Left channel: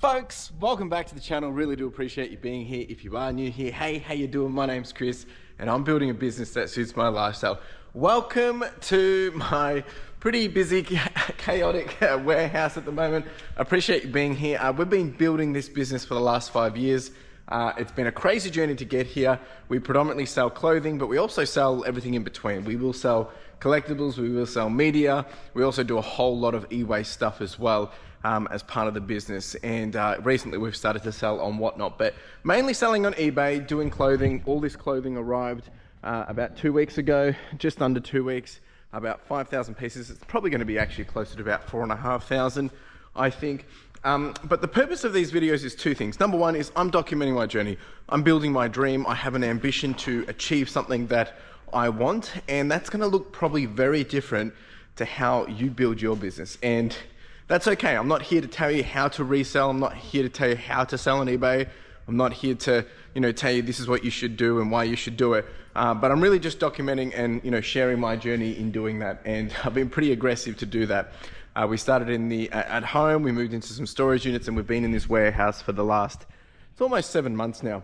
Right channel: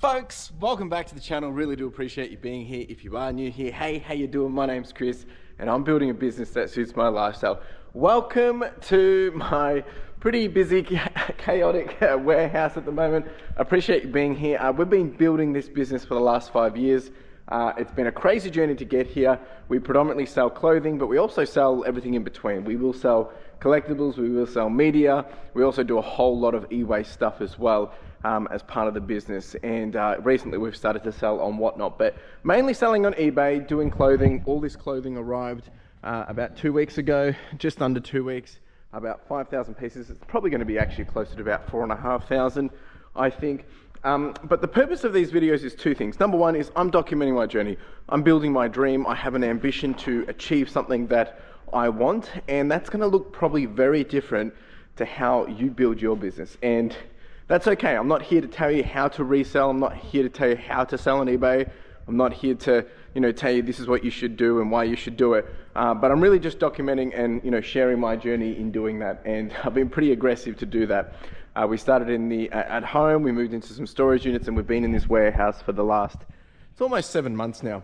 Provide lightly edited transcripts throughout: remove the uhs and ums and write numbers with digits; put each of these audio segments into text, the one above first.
Folks, welcome back to the channel. Really do appreciate you being here. If you are new here, hey, how you doing? My name's Chris and I'm building a business that suits my lifestyle. Welcome to my pretty busy, chaotic warehouse at the moment. I appreciate you being here. We've been building this business for the last 5 years. It's been a crazy journey to get here. We predominantly sell clothing, but we also sell everything in between. We will sell collectibles, we will sell media. We also do a whole lot of e-waste stuff as well as part of the business. And recently we've started to sell on Whatnot, but mainly selling on eBay, doing clothing. All this clothing arrived about 2 weeks ago, just under 2 weeks, about 5,000 pieces. It's probably going to be actually closer to about 4,500, I think. But the purpose of these videos is two things. Number one is I'm documenting my journey. I'm building my dream. I have an ambition to achieve something that I want, and that's going to look probably very different to how you build your business. And that's okay. I'm not here to tell you how to resell. I'm not here to tell you how to sell on eBay. I'm not here to, tell you this is what you should do and why you should do it. But I'm really just documenting and, sharing my journey in doing that. And I've been pretty aggressive to do that. We started at home, we moved into some storage units, and we've been in this warehouse for the last, it's almost 7 months now.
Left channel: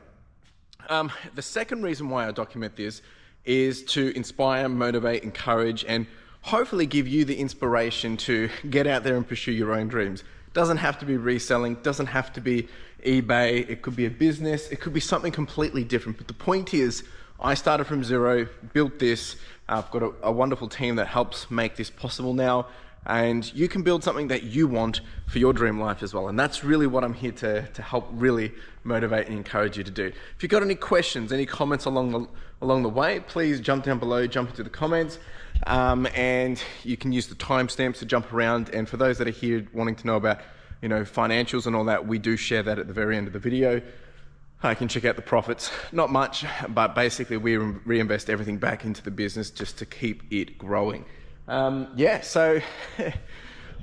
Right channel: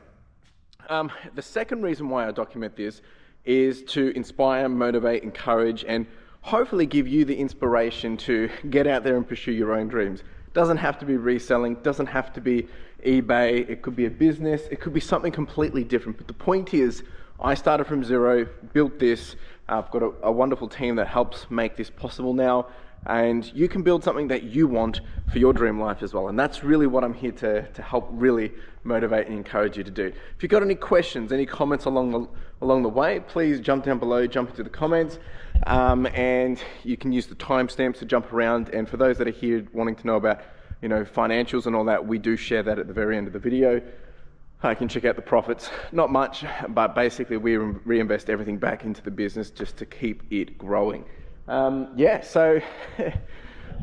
The second reason why I document this is to inspire, motivate, encourage, and hopefully give you the inspiration to get out there and pursue your own dreams. Doesn't have to be reselling, doesn't have to be eBay, it could be a business, it could be something completely different. But the point is, I started from zero, built this, I've got a wonderful team that helps make this possible now, and you can build something that you want for your dream life as well. And that's really what I'm here to help really motivate and encourage you to do. If you've got any questions, any comments along the way, please jump down below, jump into the comments, and you can use the timestamps to jump around. And for those that are here wanting to know about, financials and all that, we do share that at the very end of the video. I can check out the profits, not much, but basically we reinvest everything back into the business just to keep it growing. So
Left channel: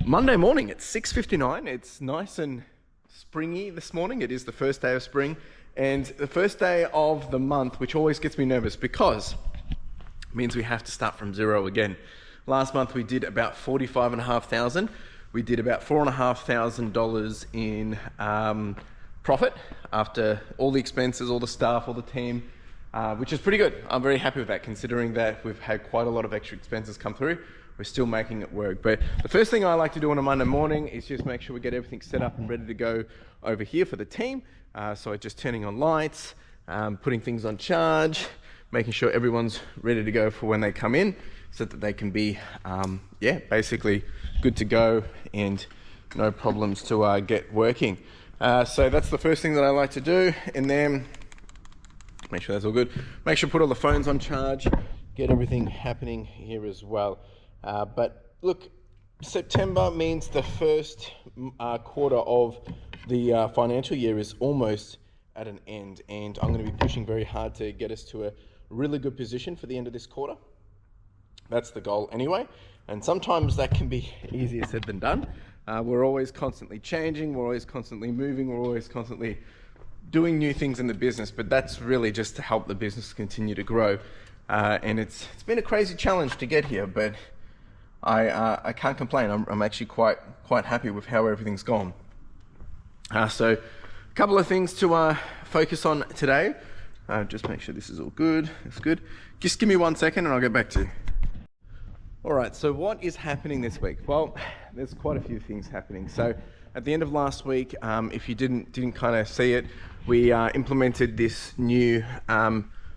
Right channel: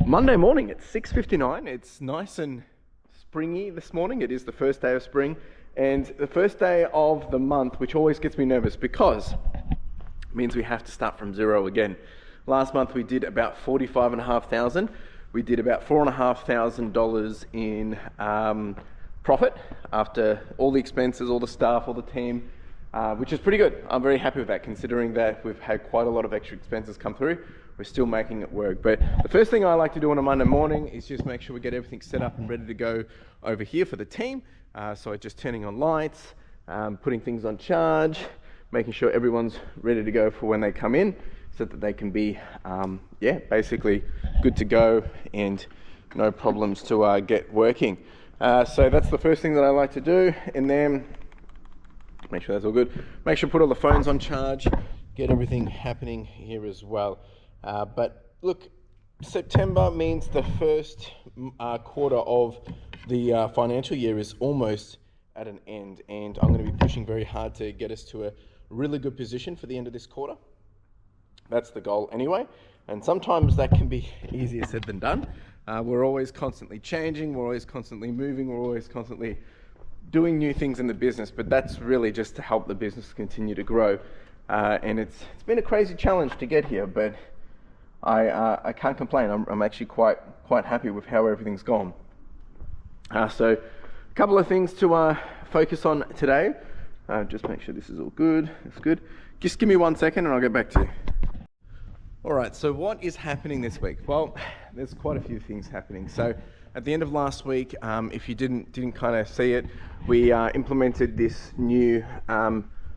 Monday morning, it's 6:59. It's nice and springy this morning. It is the first day of spring and the first day of the month, which always gets me nervous because it means we have to start from zero again. Last month we did about 45,500. We did about $4,500 in profit after all the expenses, all the staff, all the team, which is pretty good. I'm very happy with that, considering that we've had quite a lot of extra expenses come through. We're still making it work. But the first thing I like to do on a Monday morning is just make sure we get everything set up and ready to go over here for the team. So just turning on lights, putting things on charge, making sure everyone's ready to go for when they come in so that they can be, basically good to go and no problems to get working. So that's the first thing that I like to do. And then make sure that's all good. Make sure to put all the phones on charge, get everything happening here as well. But look, September means the first quarter of the financial year is almost at an end, and I'm going to be pushing very hard to get us to a really good position for the end of this quarter. That's the goal anyway, and sometimes that can be easier said than done. We're always constantly changing, we're always constantly moving, we're always constantly doing new things in the business, but that's really just to help the business continue to grow. And it's been a crazy challenge to get here, but I can't complain. I'm actually quite happy with how everything's gone. So a couple of things to focus on today. Just make sure this is all good. It's good. Just give me 1 second and I'll get back to you. All right, so what is happening this week? Well, there's quite a few things happening. So at the end of last week, if you didn't kind of see it, we implemented this new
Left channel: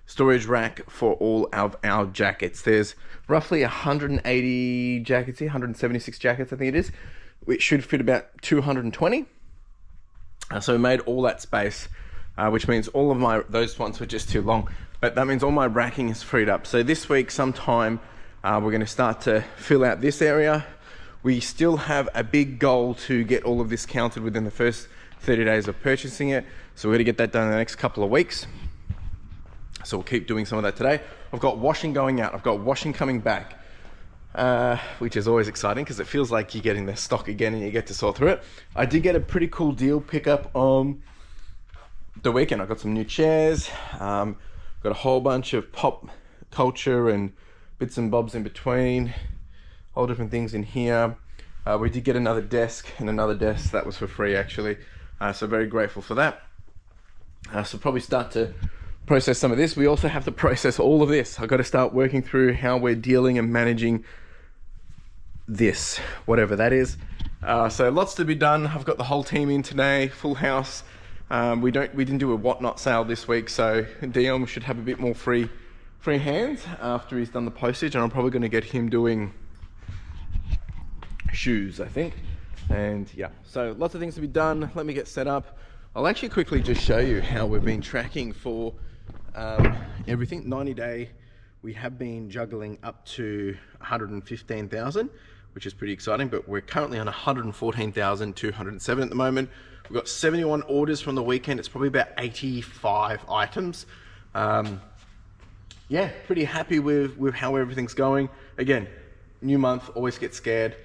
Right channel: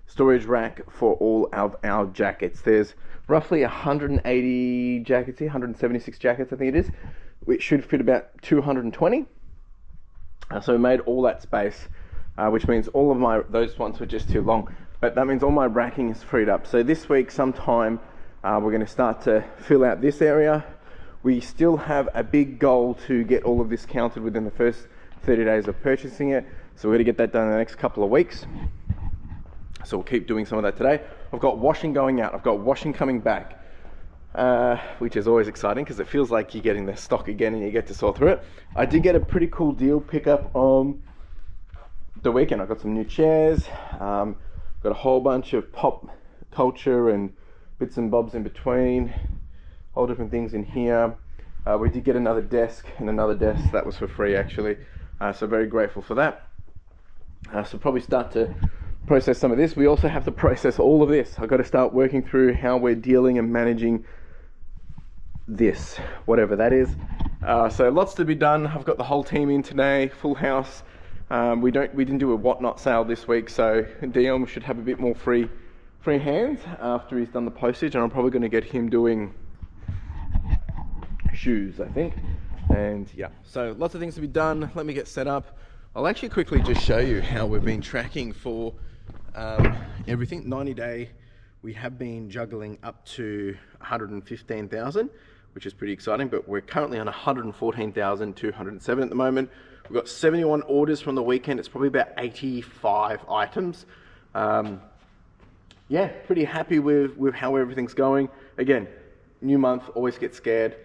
storage rack for all of our jackets. There's roughly 180 jackets here, 176 jackets I think it is, which should fit about 220. So we made all that space, which means all of those ones were just too long, but that means all my racking is freed up. So this week sometime we're going to start to fill out this area. We still have a big goal to get all of this counted within the first 30 days of purchasing it. So we're going to get that done in the next couple of weeks. So we'll keep doing some of that today. I've got washing going out. I've got washing coming back, which is always exciting because it feels like you're getting the stock again and you get to sort through it. I did get a pretty cool deal pickup on the weekend. I got some new chairs, got a whole bunch of pop culture and bits and bobs in between, all different things in here. We did get another desk and another desk that was for free actually. So very grateful for that. So probably start to process some of this. We also have to process all of this. I've got to start working through how we're dealing and managing this, whatever that is. So lots to be done. I've got the whole team in today, full house. We didn't do a whatnot sale this week, so Dion should have a bit more free hands after he's done the postage, and I'm probably going to get him doing shoes, I think. And yeah, so lots of things to be done. Let me get set up. I'll actually quickly just show you how we've been tracking for everything. 90-day, we have been juggling up to 115,000, which is pretty exciting, but we're currently on 114,207 at the moment. We've got 71 orders from the weekend. It's probably about 85 items. Yeah, pretty happy with how everything's going. Again, new month, always get scared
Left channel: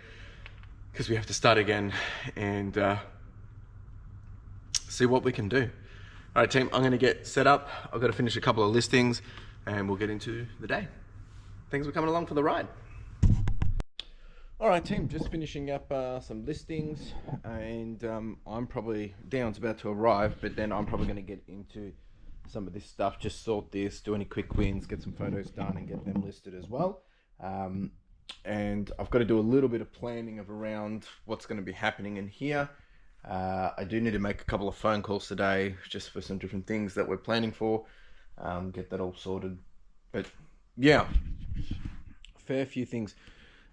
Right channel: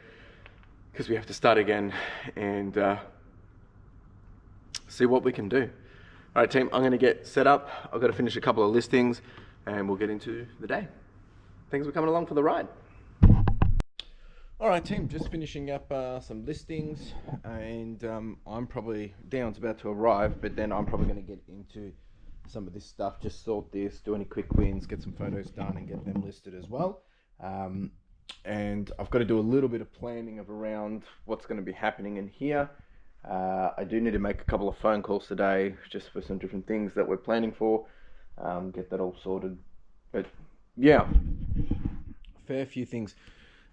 because we have to start again and see what we can do. All right, team, I'm going to get set up. I've got to finish a couple of listings and we'll get into the day. Thanks for coming along for the ride. All right, team, just finishing up some listings, and Dion's about to arrive, but then I'm probably going to get into some of this stuff, just sort this, do any quick wins, get some photos done and get them listed as well. And I've got to do a little bit of planning around what's going to be happening in here. I do need to make a couple of phone calls today just for some different things that we're planning for, get that all sorted. But yeah, fair few things.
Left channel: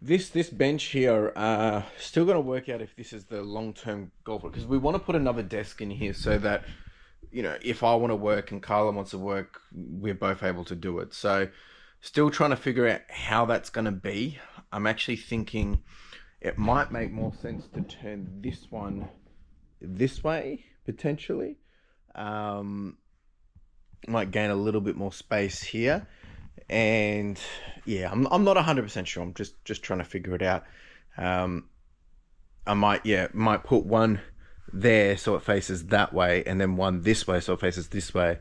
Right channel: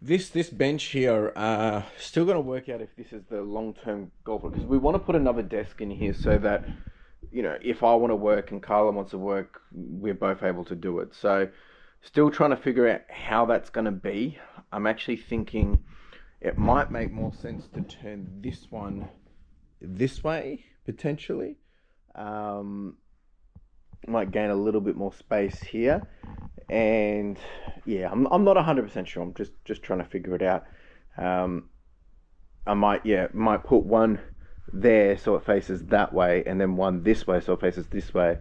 This bench here, still going to work out if this is the long-term goal, because we want to put another desk in here so that, you know, if I want to work and Carla wants to work, we're both able to do it. So still trying to figure out how that's going to be. I'm actually thinking it might make more sense to turn this one this way, potentially. Might gain a little bit more space here. And yeah, I'm not 100% sure. I'm just trying to figure it out. I might put one there so it faces that way, and then one this way so it faces this way.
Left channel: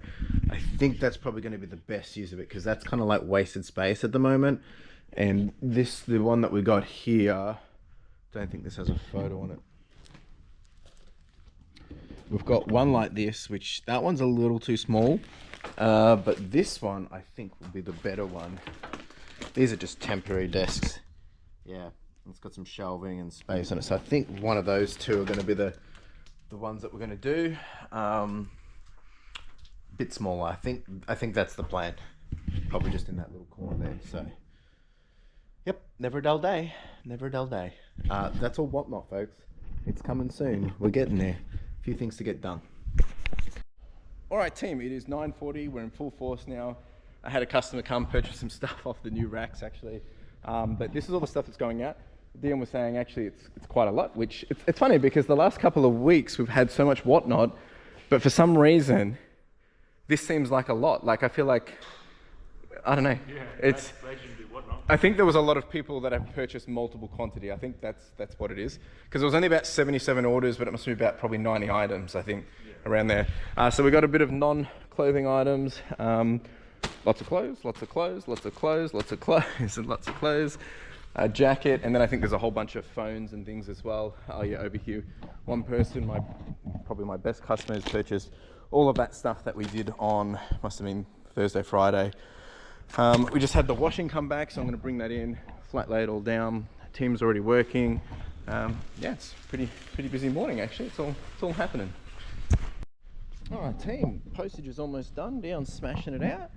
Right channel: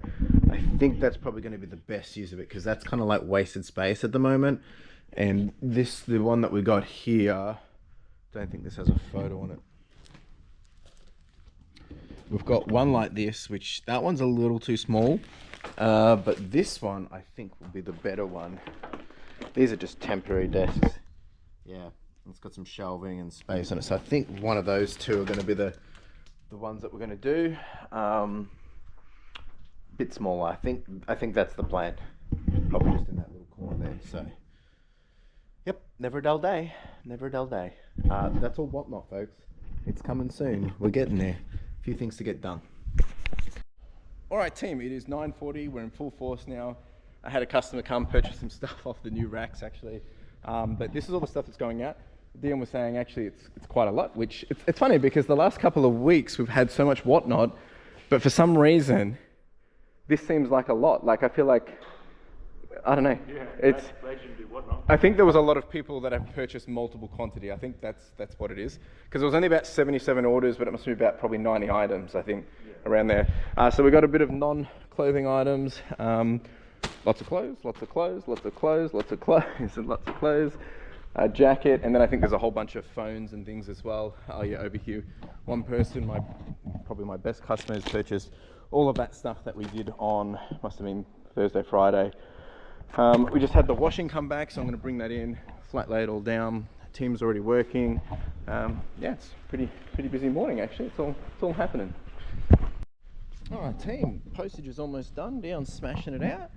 I think that's probably going to be the best use of it, because that's kind of like wasted space at the moment. And the one that we got here, don't think this has a photo on it. We've got one like this, which that one's a little too small. But this one, I think, will be the better one. These are just temporary desks. Yeah, it's got some shelving and space on it. So I think one of those two are going to be the ones that we're going to do. Bit smaller. I think that's the plan. Probably just in that little corner there. So, yep, never a dull day. Never a dull day. That's all whatnot, folks. It's coming soon. We're getting there. A few things to get done. All right, team, it is 9:40. We're in full force now. I had a customer come purchase some stuff off the new racks, actually. But this is all the stuff that's going out. Dion was saying, actually, it's quite a lot, which it's funny because the last couple of weeks we've had so much whatnot, but for some reason, this seems like a lot. Like, I feel like, I don't know. Yeah, it's legendary whatnot. I think there was a lot of people that have purchased multiple quantity. I think that's what it is. Because there was only about 77 orders, but it must be about probably 90 items, I think, around there. So we got a bit of non-clothing items. Lots of clothes, lots of clothes, lots of clothes, lots of clothes, and lots of clothes. A jacket, and then I think there's a whole bunch of phones and things as well. Oh yeah, over here, one person, probably my best customer, has purchased all of that stuff that we did on, must have been Thursday, Friday. We just had the washing come back, so I'm going to bring that in, flat lay it all down. Team's already working. Yeah, it's pretty busy morning actually. It's all happening. All right, team, postage is almost done. Dion's smashing it out.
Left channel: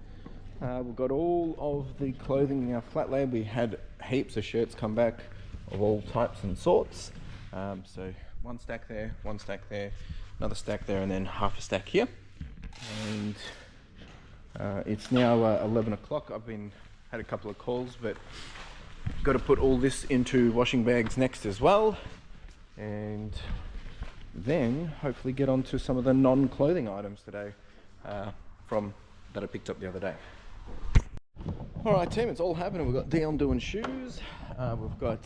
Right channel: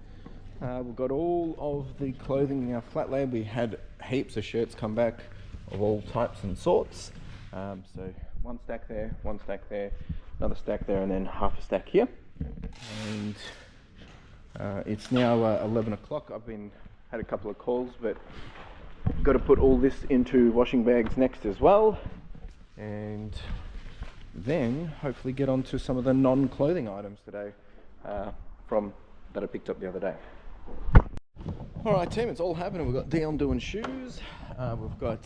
We've got all of the clothing in our flat lay. We had heaps of shirts come back of all types and sorts. So one stack there, another stack there, and then half a stack here. And it's now 11 o'clock. I've had a couple of calls, but got to put all this into washing bags next as well. And then hopefully get onto some of the non-clothing items today that I picked up the other day. All right, team, it's all happening. We've got Dion doing shoes. We've got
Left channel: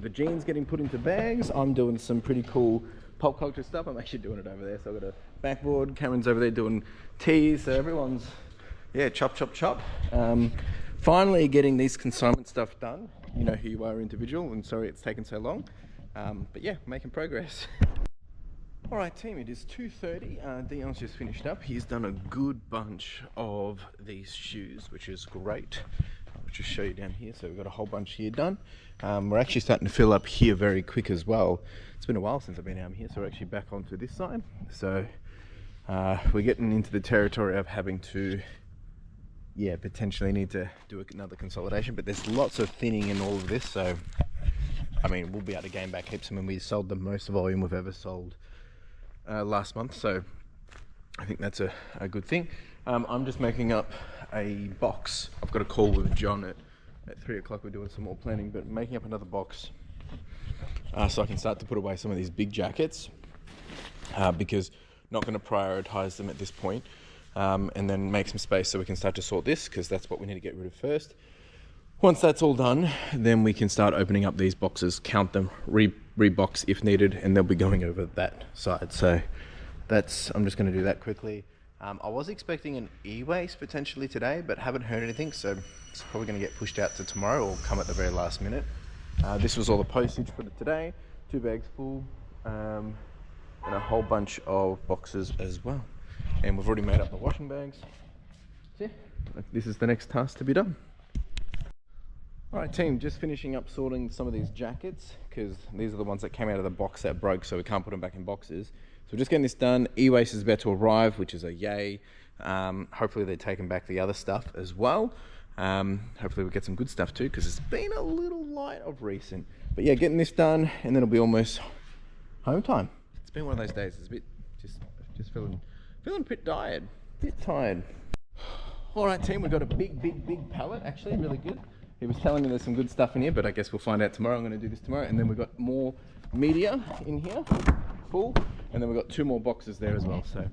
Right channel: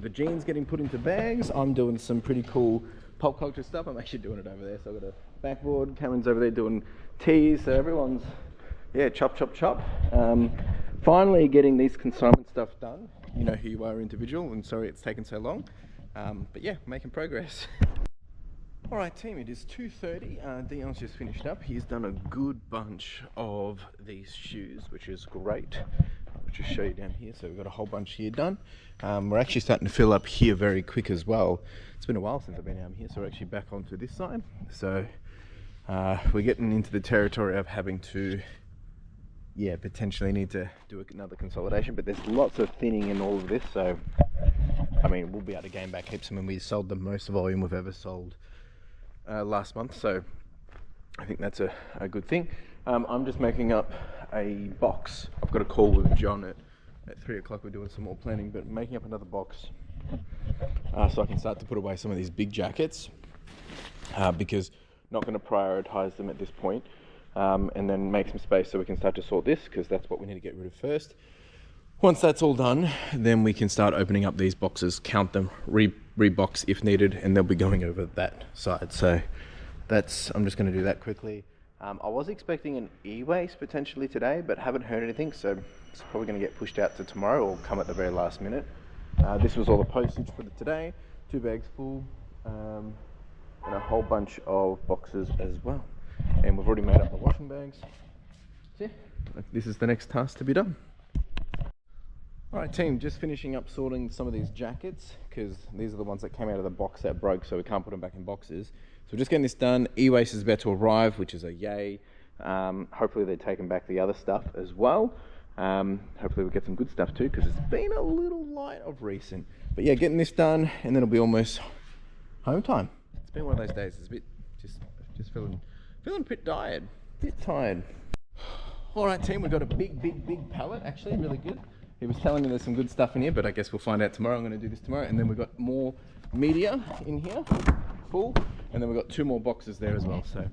the jeans getting put into bags. I'm doing some pretty cool pop culture stuff. I'm actually doing it over there. So I've got a backboard. Cameron's over there doing tees. So everyone's, yeah, chop. Finally getting these consignment stuff done. You know who you are, individual, and sorry it's taken so long. But yeah, making progress. Alright team, it is 2:30. Dion's just finished up. He's done a good bunch of these shoes, which is great. I'll just show you down here. So we've got a whole bunch here done. We're actually starting to fill up here very quick as well. It's been a while since I've been down here, so we're actually back onto this side. So we're getting into the territory of having to, potentially need to do another consolidation, but there's lots of thinning in all of this. So, I mean, we'll be able to gain back heaps. I mean, we sold the most volume we've ever sold last month, so I think that's a good thing. I'm just making up a box. I've got a call with John at 3 o'clock. We're doing some more planning, but making up another box so I can start to put away some of these big jackets because not going to prioritize them at this point, and then make some space so we can start to sort this, because that's what we need to get rid of first. Once that's all done, then we can start opening up these boxes, count them, rebox if needed, and they'll be going over that side. So I'm just going to do that quickly. I was expecting an e-waste potentially today, but haven't heard anything, so it's probably going to get pushed out to tomorrow or come at the very last minute. This was all the postage for today, 2 bags full, and a whole bunch of boxes as well. And we've already made up the washing bags. So yeah, this is the next task to be done. Alright team, just finishing up sorting some of these jackets, because these are the ones that came out of the box that broke, so we can't put them back in boxes. So we're just getting this done. E-waste is about to arrive, which is a yay. Hopefully they're taking back the other stuff as well. Hopefully we'll get some good stuff too, because it's been a little light of recent. But yeah, getting this done, and then it'll be almost home time. It's been one of those days. It's a bit, just feeling a bit tired. Alright team, we've got a big pallet, actually, really good. He was telling me there's some good stuff in here, but I guess we'll find out tomorrow. I'm going to do this tomorrow. And then we've got more media in here, full. And then we've got 2 more boxes there as well. So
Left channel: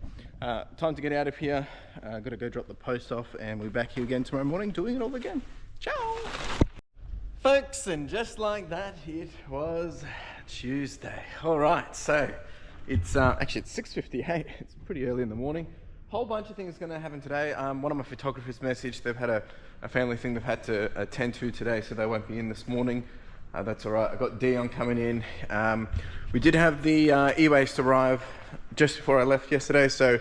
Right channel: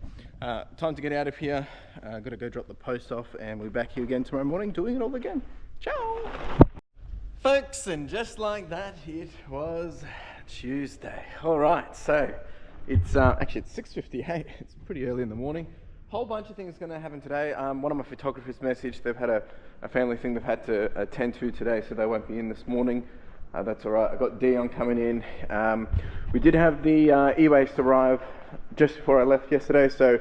time to get out of here. Got to go drop the post off, and we'll be back here again tomorrow morning doing it all again. Ciao! Folks, and just like that, it was Tuesday. All right, so it's actually it's 6:58. It's pretty early in the morning. Whole bunch of things going to happen today. One of my photographers messaged they've had a family thing they've had to attend to today, so they won't be in this morning. That's all right. I got Dion coming in. We did have the e-waste arrive just before I left yesterday, so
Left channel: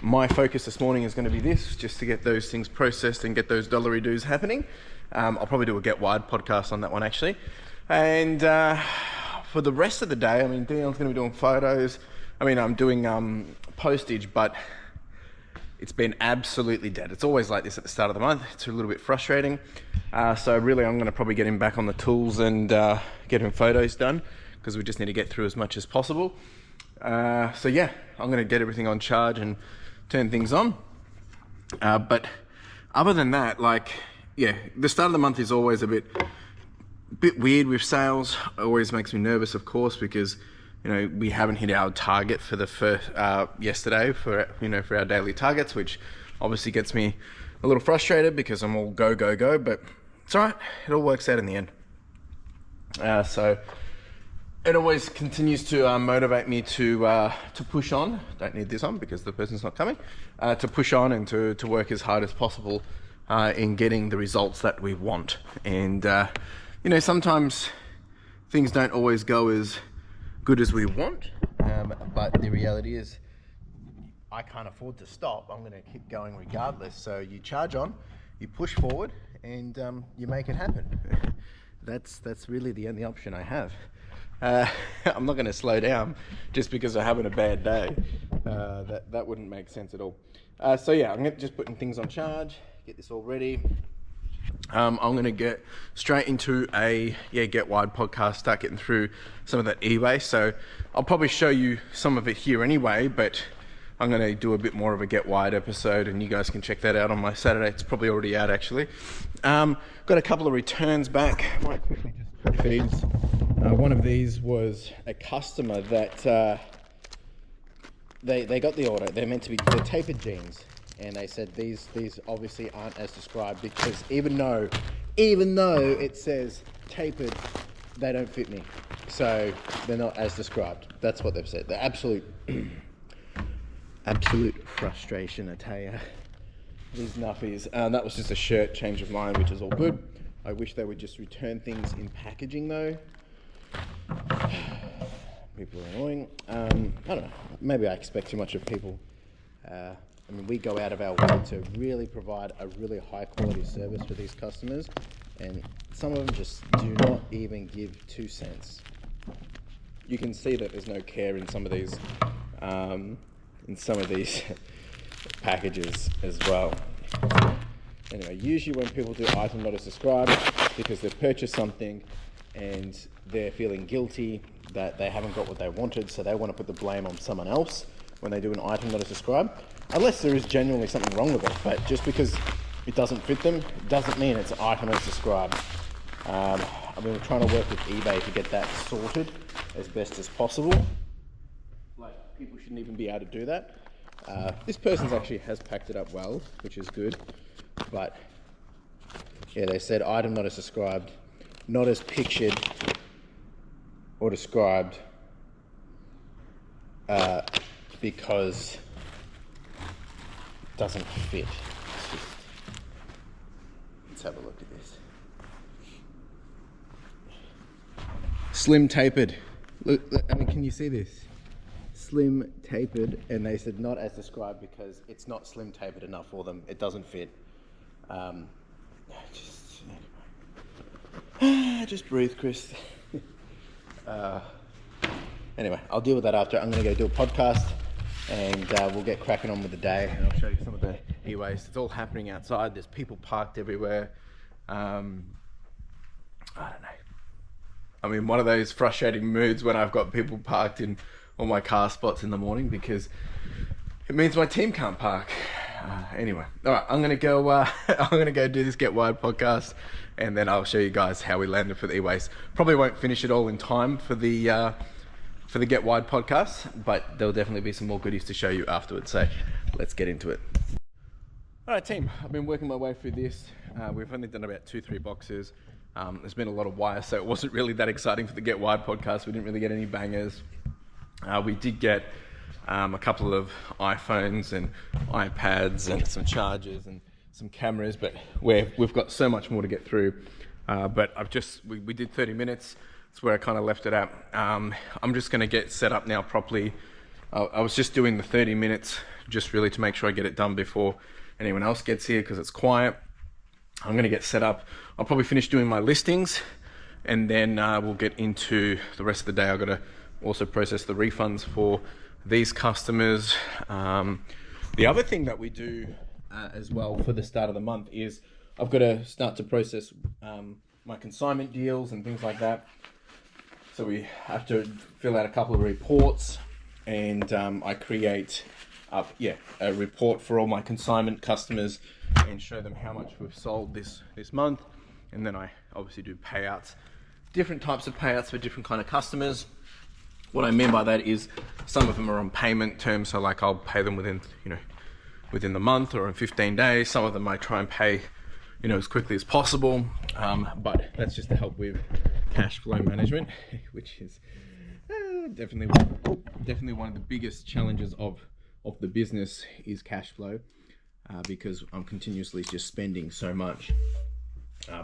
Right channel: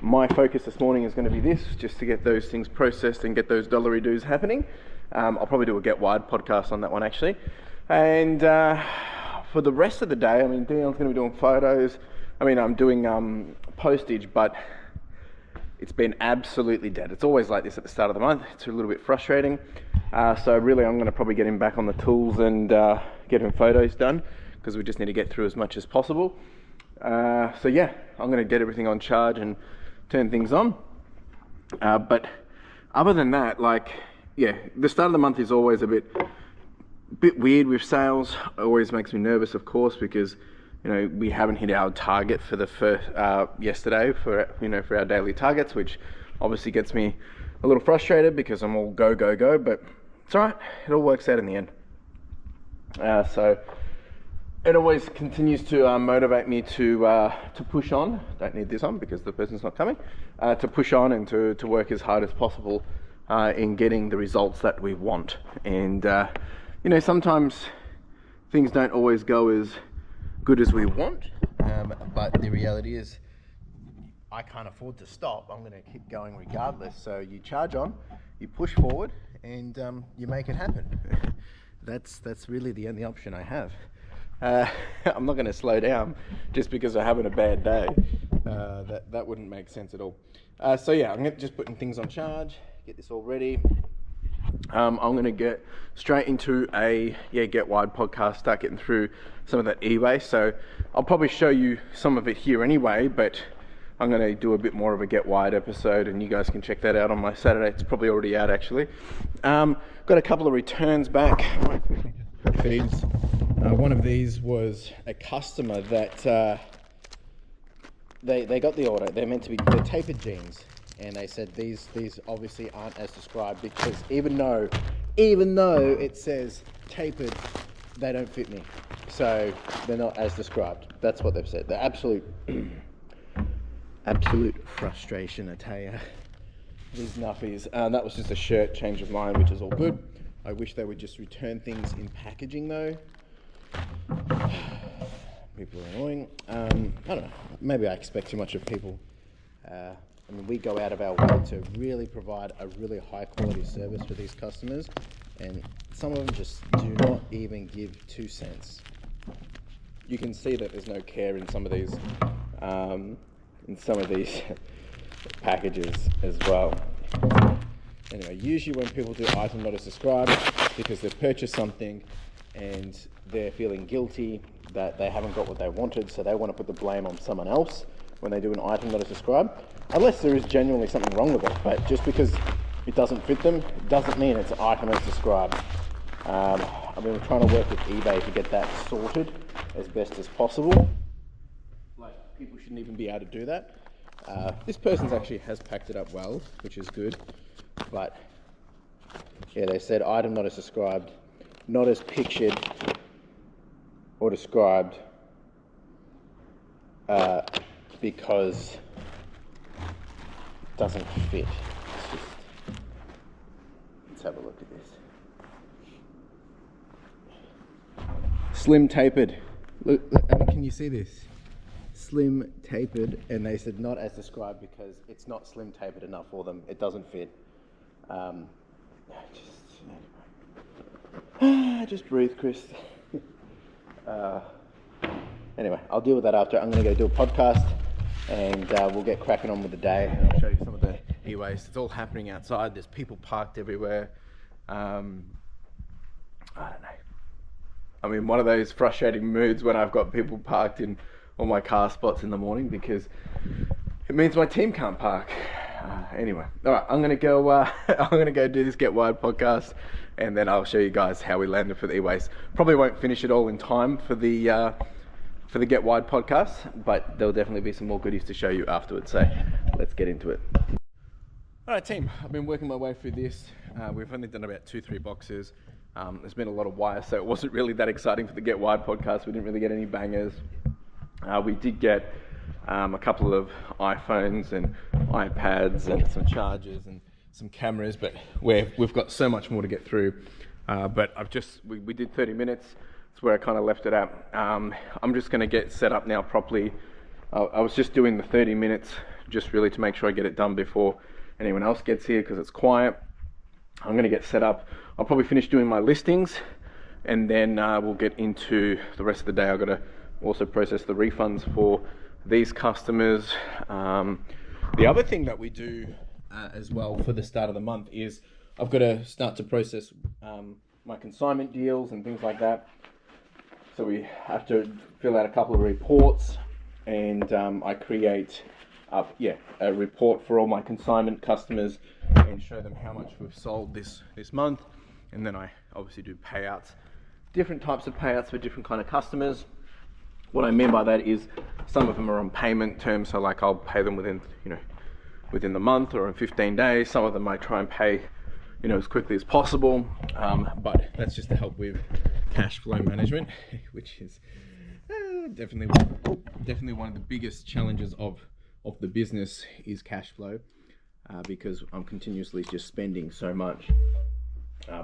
my focus this morning is going to be this, just to get those things processed and get those dollary doos happening. I'll probably do a Get Wide podcast on that one actually. And for the rest of the day, I mean, Dion's going to be doing photos. I mean, I'm doing postage, but it's been absolutely dead. It's always like this at the start of the month. It's a little bit frustrating. So really, I'm going to probably get him back on the tools and get him photos done, because we just need to get through as much as possible. So yeah, I'm going to get everything on charge and turn things on. But other than that, the start of the month is always a bit weird with sales. It always makes me nervous, of course, because we haven't hit our target for the first yesterday for our daily targets, which obviously gets me a little frustrated because I'm all go, but it's all right. It all works out in the end. So it always continues to motivate me to push on. Don't need this on because the person's not coming. To push on and to work as hard as possible in getting the results that we want. And sometimes things don't always go as good as we want, but the reality is I can't afford to stop. I'm going to keep going regardless. So you charge on, you push forward, and you make it happen. That's really the only option I have. I'm not going to slow down just because I'm having a bad day. That wouldn't make sense at all. So yeah, I'm just putting things on charge, get this all ready. I'm going to get straight into a Get Wide podcast, start getting through some of that e-waste. So I'll probably show you some of it here anyway, but I'm going to do a bit more of a Get Wide episode, and you guys can check that out on my Saturday. It's probably already out actually. Got a couple of returns back. Might quickly just put these. One of these was a customer that they got the order. They're meant to be the tapered jeans. And they said these obviously aren't as described, because even though it says tapered, they don't fit me. So they're not as described. That's what they've said. The absolute frustration, I tell you. These nuffies. That was just a shirt change of mind, which is all good. I wish they would just return things in packaging though. People are annoying. I don't know. maybe I expect too much of people. I mean, we go out of our way to really provide a really high quality service for these customers, and some of them just do not even give 2 cents. You can see that there's no care in some of these packages as well. Anyway, usually when people do item not as described, it's because they've purchased something and they're feeling guilty that they haven't got what they wanted, so they want to put the blame on someone else when they do an item not as described, unless there is genuinely something wrong with it. But just because it doesn't fit them, doesn't mean it's an item as described. I mean, we're trying to work with eBay to get that sorted as best as possible. Like, people shouldn't even be able to do that. This person's actually has packed it up well, which is good. But yeah, they said item not as described, not as pictured or described, because it doesn't fit. Let's have a look at this. Slim tapered. Look, I mean, can you see this? Slim tapered, and they said not as described because it's not slim tapered enough for them. It doesn't fit. Just breathe, Chris. Anyway, I'll deal with that after. I'm going to go do a podcast, and we'll get cracking on with the day. And I'll show you some of the e-waste. It's all happening outside. There's people parked everywhere. I don't know. I mean, one of those frustrating moods when I've got people parked in all my car spots in the morning, because it means my team can't park. Anyway, all right, I'm gonna go do this Get Wired podcast, and then I'll show you guys how we landed for the e-waste. Probably won't finish it all in time for the Get Wired podcast, but there'll definitely be some more goodies to show you afterwards. So let's get into it. All right, team, I've been working my way through this. We've only done about 2-3 boxes. There's been a lot of wire, so it wasn't really that exciting for the Get Wired podcast. We didn't really get any bangers. We did get a couple of iPhones and iPads and some chargers and some cameras, but we've got so much more to get through. But we did 30 minutes. That's where I kind of left it at. I'm just going to get set up now properly. I was just doing the 30 minutes just really to make sure I get it done before anyone else gets here, because it's quiet. I'm going to get set up. I'll probably finish doing my listings, and then we'll get into the rest of the day. I've got to also process the refunds for these customers. The other thing that we do as well for the start of the month is I've got to start to process my consignment deals and things like that. So we have to fill out a couple of reports, and I create a report for all my consignment customers and show them how much we've sold this month. And then I obviously do payouts, different types of payouts for different kind of customers. What I mean by that is some of them are on payment terms, so like I'll pay them within the month or in 15 days. Some of them I try and pay as quickly as possible, but that's just to help with cash flow management, which is definitely one of the biggest challenges of the business is cash flow, because I'm continuously just spending so much.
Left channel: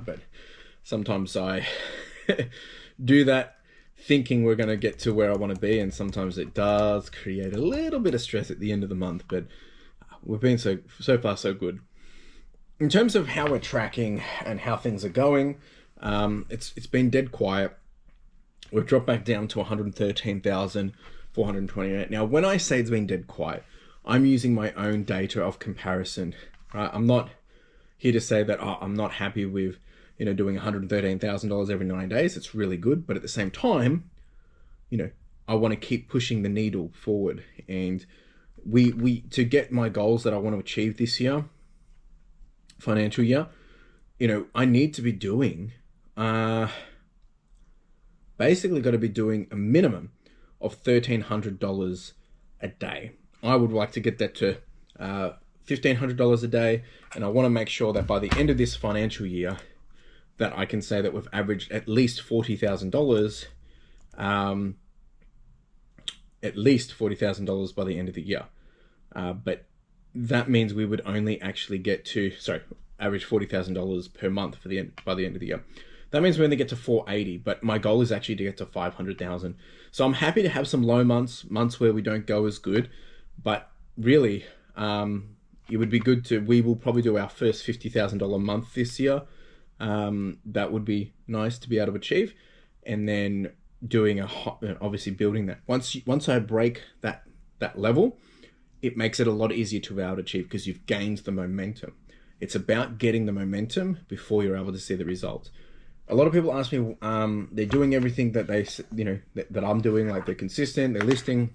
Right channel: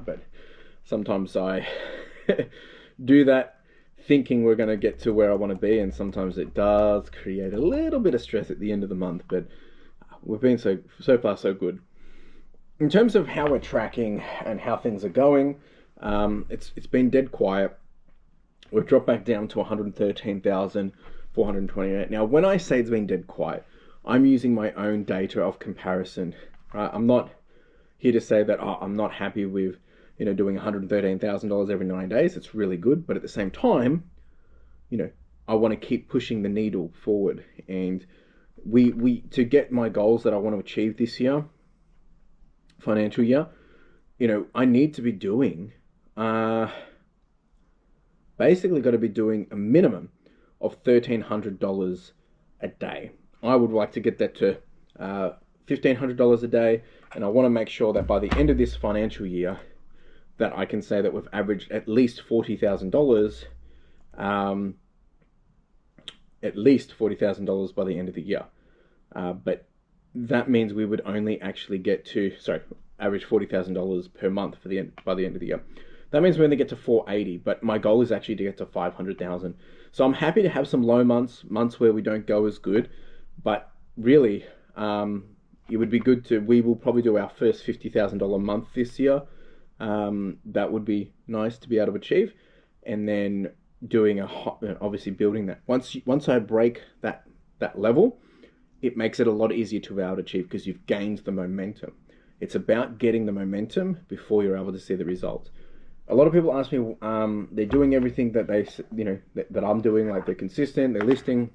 But sometimes I do that thinking we're going to get to where I want to be, and sometimes it does create a little bit of stress at the end of the month, but we've been so far so good. In terms of how we're tracking and how things are going, it's been dead quiet. We've dropped back down to 113,428. Now, when I say it's been dead quiet, I'm using my own data of comparison, right? I'm not here to say that I'm not happy with doing $113,000 every 9 days. It's really good, but at the same time, I want to keep pushing the needle forward, and we to get my goals that I want to achieve this year, financial year, I need to be doing basically got to be doing a minimum of $1,300 a day. I would like to get that to $1,500 a day, and I want to make sure that by the end of this financial year that I can say that we've averaged at least $40,000, at least $40,000 by the end of the year. But that means we would only actually get to, average $40,000 per month by the end of the year. That means we only get to 480, but my goal is actually to get to 500,000. So I'm happy to have some low months where we don't go as good, but really, it would be good to, we will probably do our first $50,000 month this year. That would be nice to be able to achieve. And then doing obviously building that. Once I break that level, it makes it a lot easier to be able to achieve because you've gained the momentum. It's about getting the momentum before you're able to see the results. A lot of people ask me, they're doing everything that that I'm doing, like they're consistent, they're listing,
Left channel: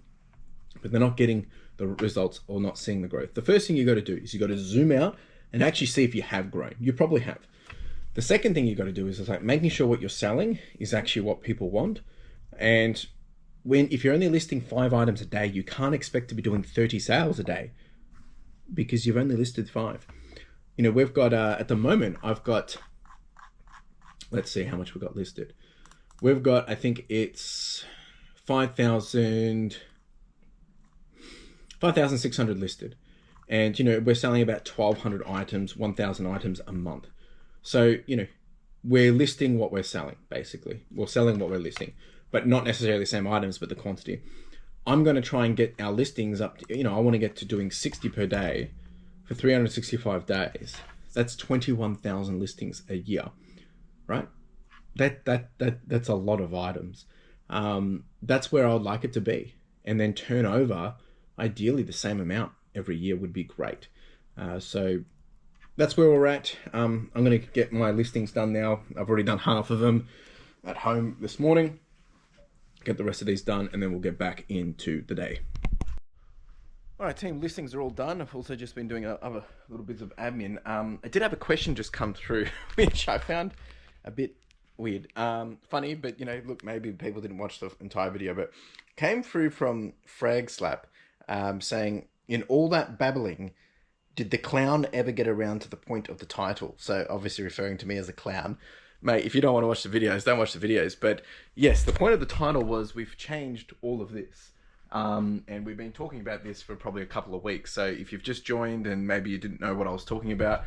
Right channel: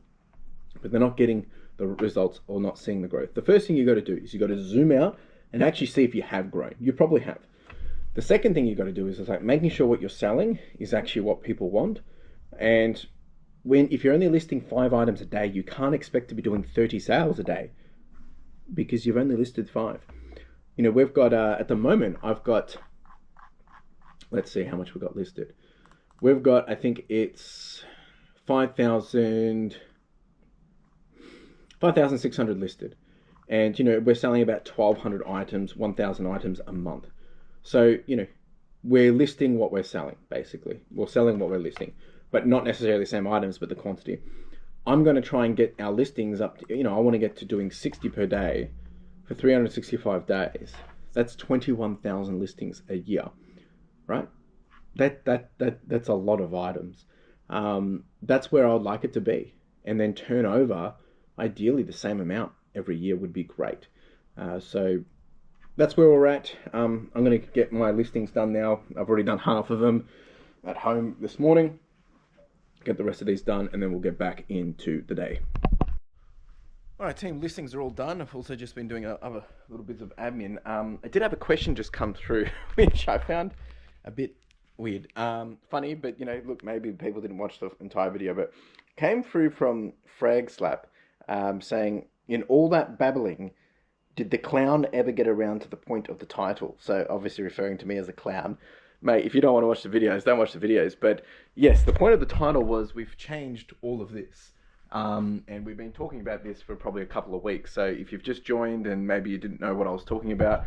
but they're not getting the results or not seeing the growth. The first thing you got to do is you got to zoom out and actually see if you have grown. You probably have. The second thing you got to do is like making sure what you're selling is actually what people want. And if you're only listing 5 items a day, you can't expect to be doing 30 sales a day because you've only listed 5. We've got at the moment, I've got, let's see how much we got listed. We've got, I think it's 5,600 listed. And, we're selling about 1,200 items, 1,000 items a month. So, we're listing what we're selling, basically. We're selling what we're listing, but not necessarily the same items, but the quantity. I'm going to try and get our listings up to, I want to get to doing 60 per day for 365 days. That's 21,000 listings a year, right? That's a lot of items. That's where I'd like it to be. And then turnover, ideally the same amount every year would be great. So that's where we're at. I'm going to get my listings done now. I've already done half of them at home this morning. Get the rest of these done, and then we'll get back into the day. All right, team, listings are all done. I've also just been doing other little bits of admin. I did have a question just come through, which I found a bit weird. Funny, but look, maybe people didn't watch the entire video, but came through from Frag Slap saying, in all that babbling, did the clown ever get around to the point of the title? So obviously referring to me as a clown. Mate, if you don't want to watch the videos, don't watch the videos. But yes, the point of the title was we've changed all of this. And we've been talking about this for probably a couple of weeks. So if you've just joined and maybe you didn't know what I was talking about,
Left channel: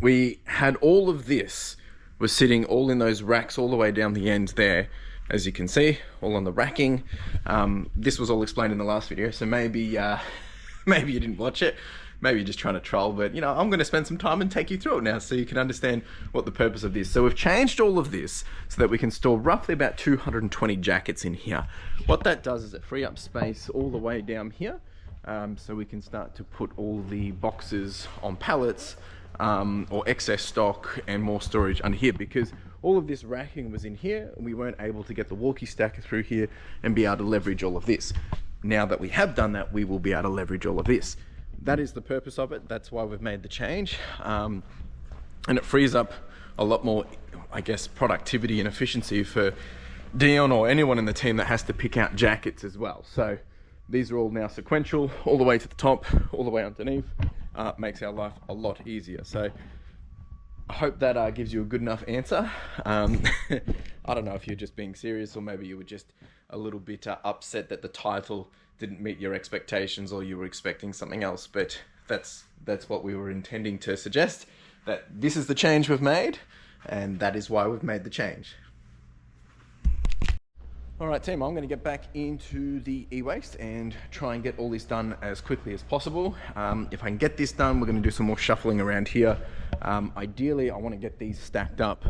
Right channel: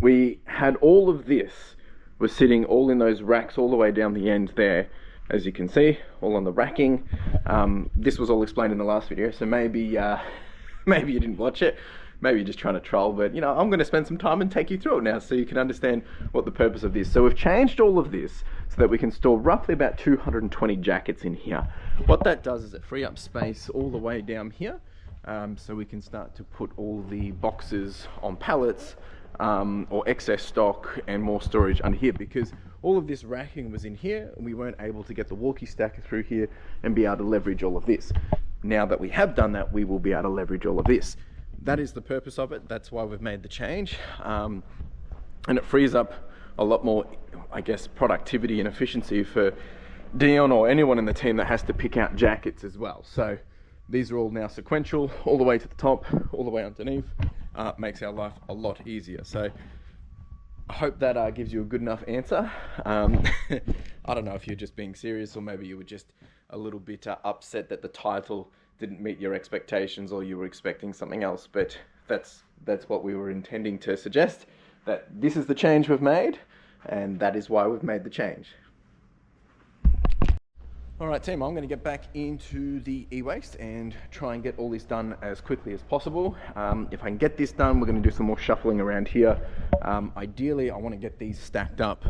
we had all of this was sitting all in those racks all the way down the end there. As you can see, all on the racking. This was all explained in the last video. So maybe maybe you didn't watch it. Maybe you're just trying to troll, but I'm going to spend some time and take you through it now so you can understand what the purpose of this. So we've changed all of this so that we can store roughly about 220 jackets in here. What that does is it free up space all the way down here. So we can start to put all the boxes on pallets or excess stock and more storage under here, because all of this racking was in here and we weren't able to get the walkie stacker through here and be able to leverage all of this. Now that we have done that, we will be able to leverage all of this. That is the purpose of it. That's why we've made the change. And it frees up a lot more, I guess, productivity and efficiency for Dion or anyone in the team that has to pick out jackets as well. So these are all now sequential, all the way to the top, all the way underneath. Makes our life a lot easier. So I hope that gives you a good enough answer. I don't know if you're just being serious or maybe you were just a little bit upset that the title didn't meet your expectations or you were expecting something else, but that's what we were intending to suggest, that this is the change we've made and that is why we've made the change. All right, team, I'm going to get back into the e-waste and try and get all this done as quickly as possible. If I can get this done, we're going to do some more shuffling around here. Ideally, I want to get these stacked up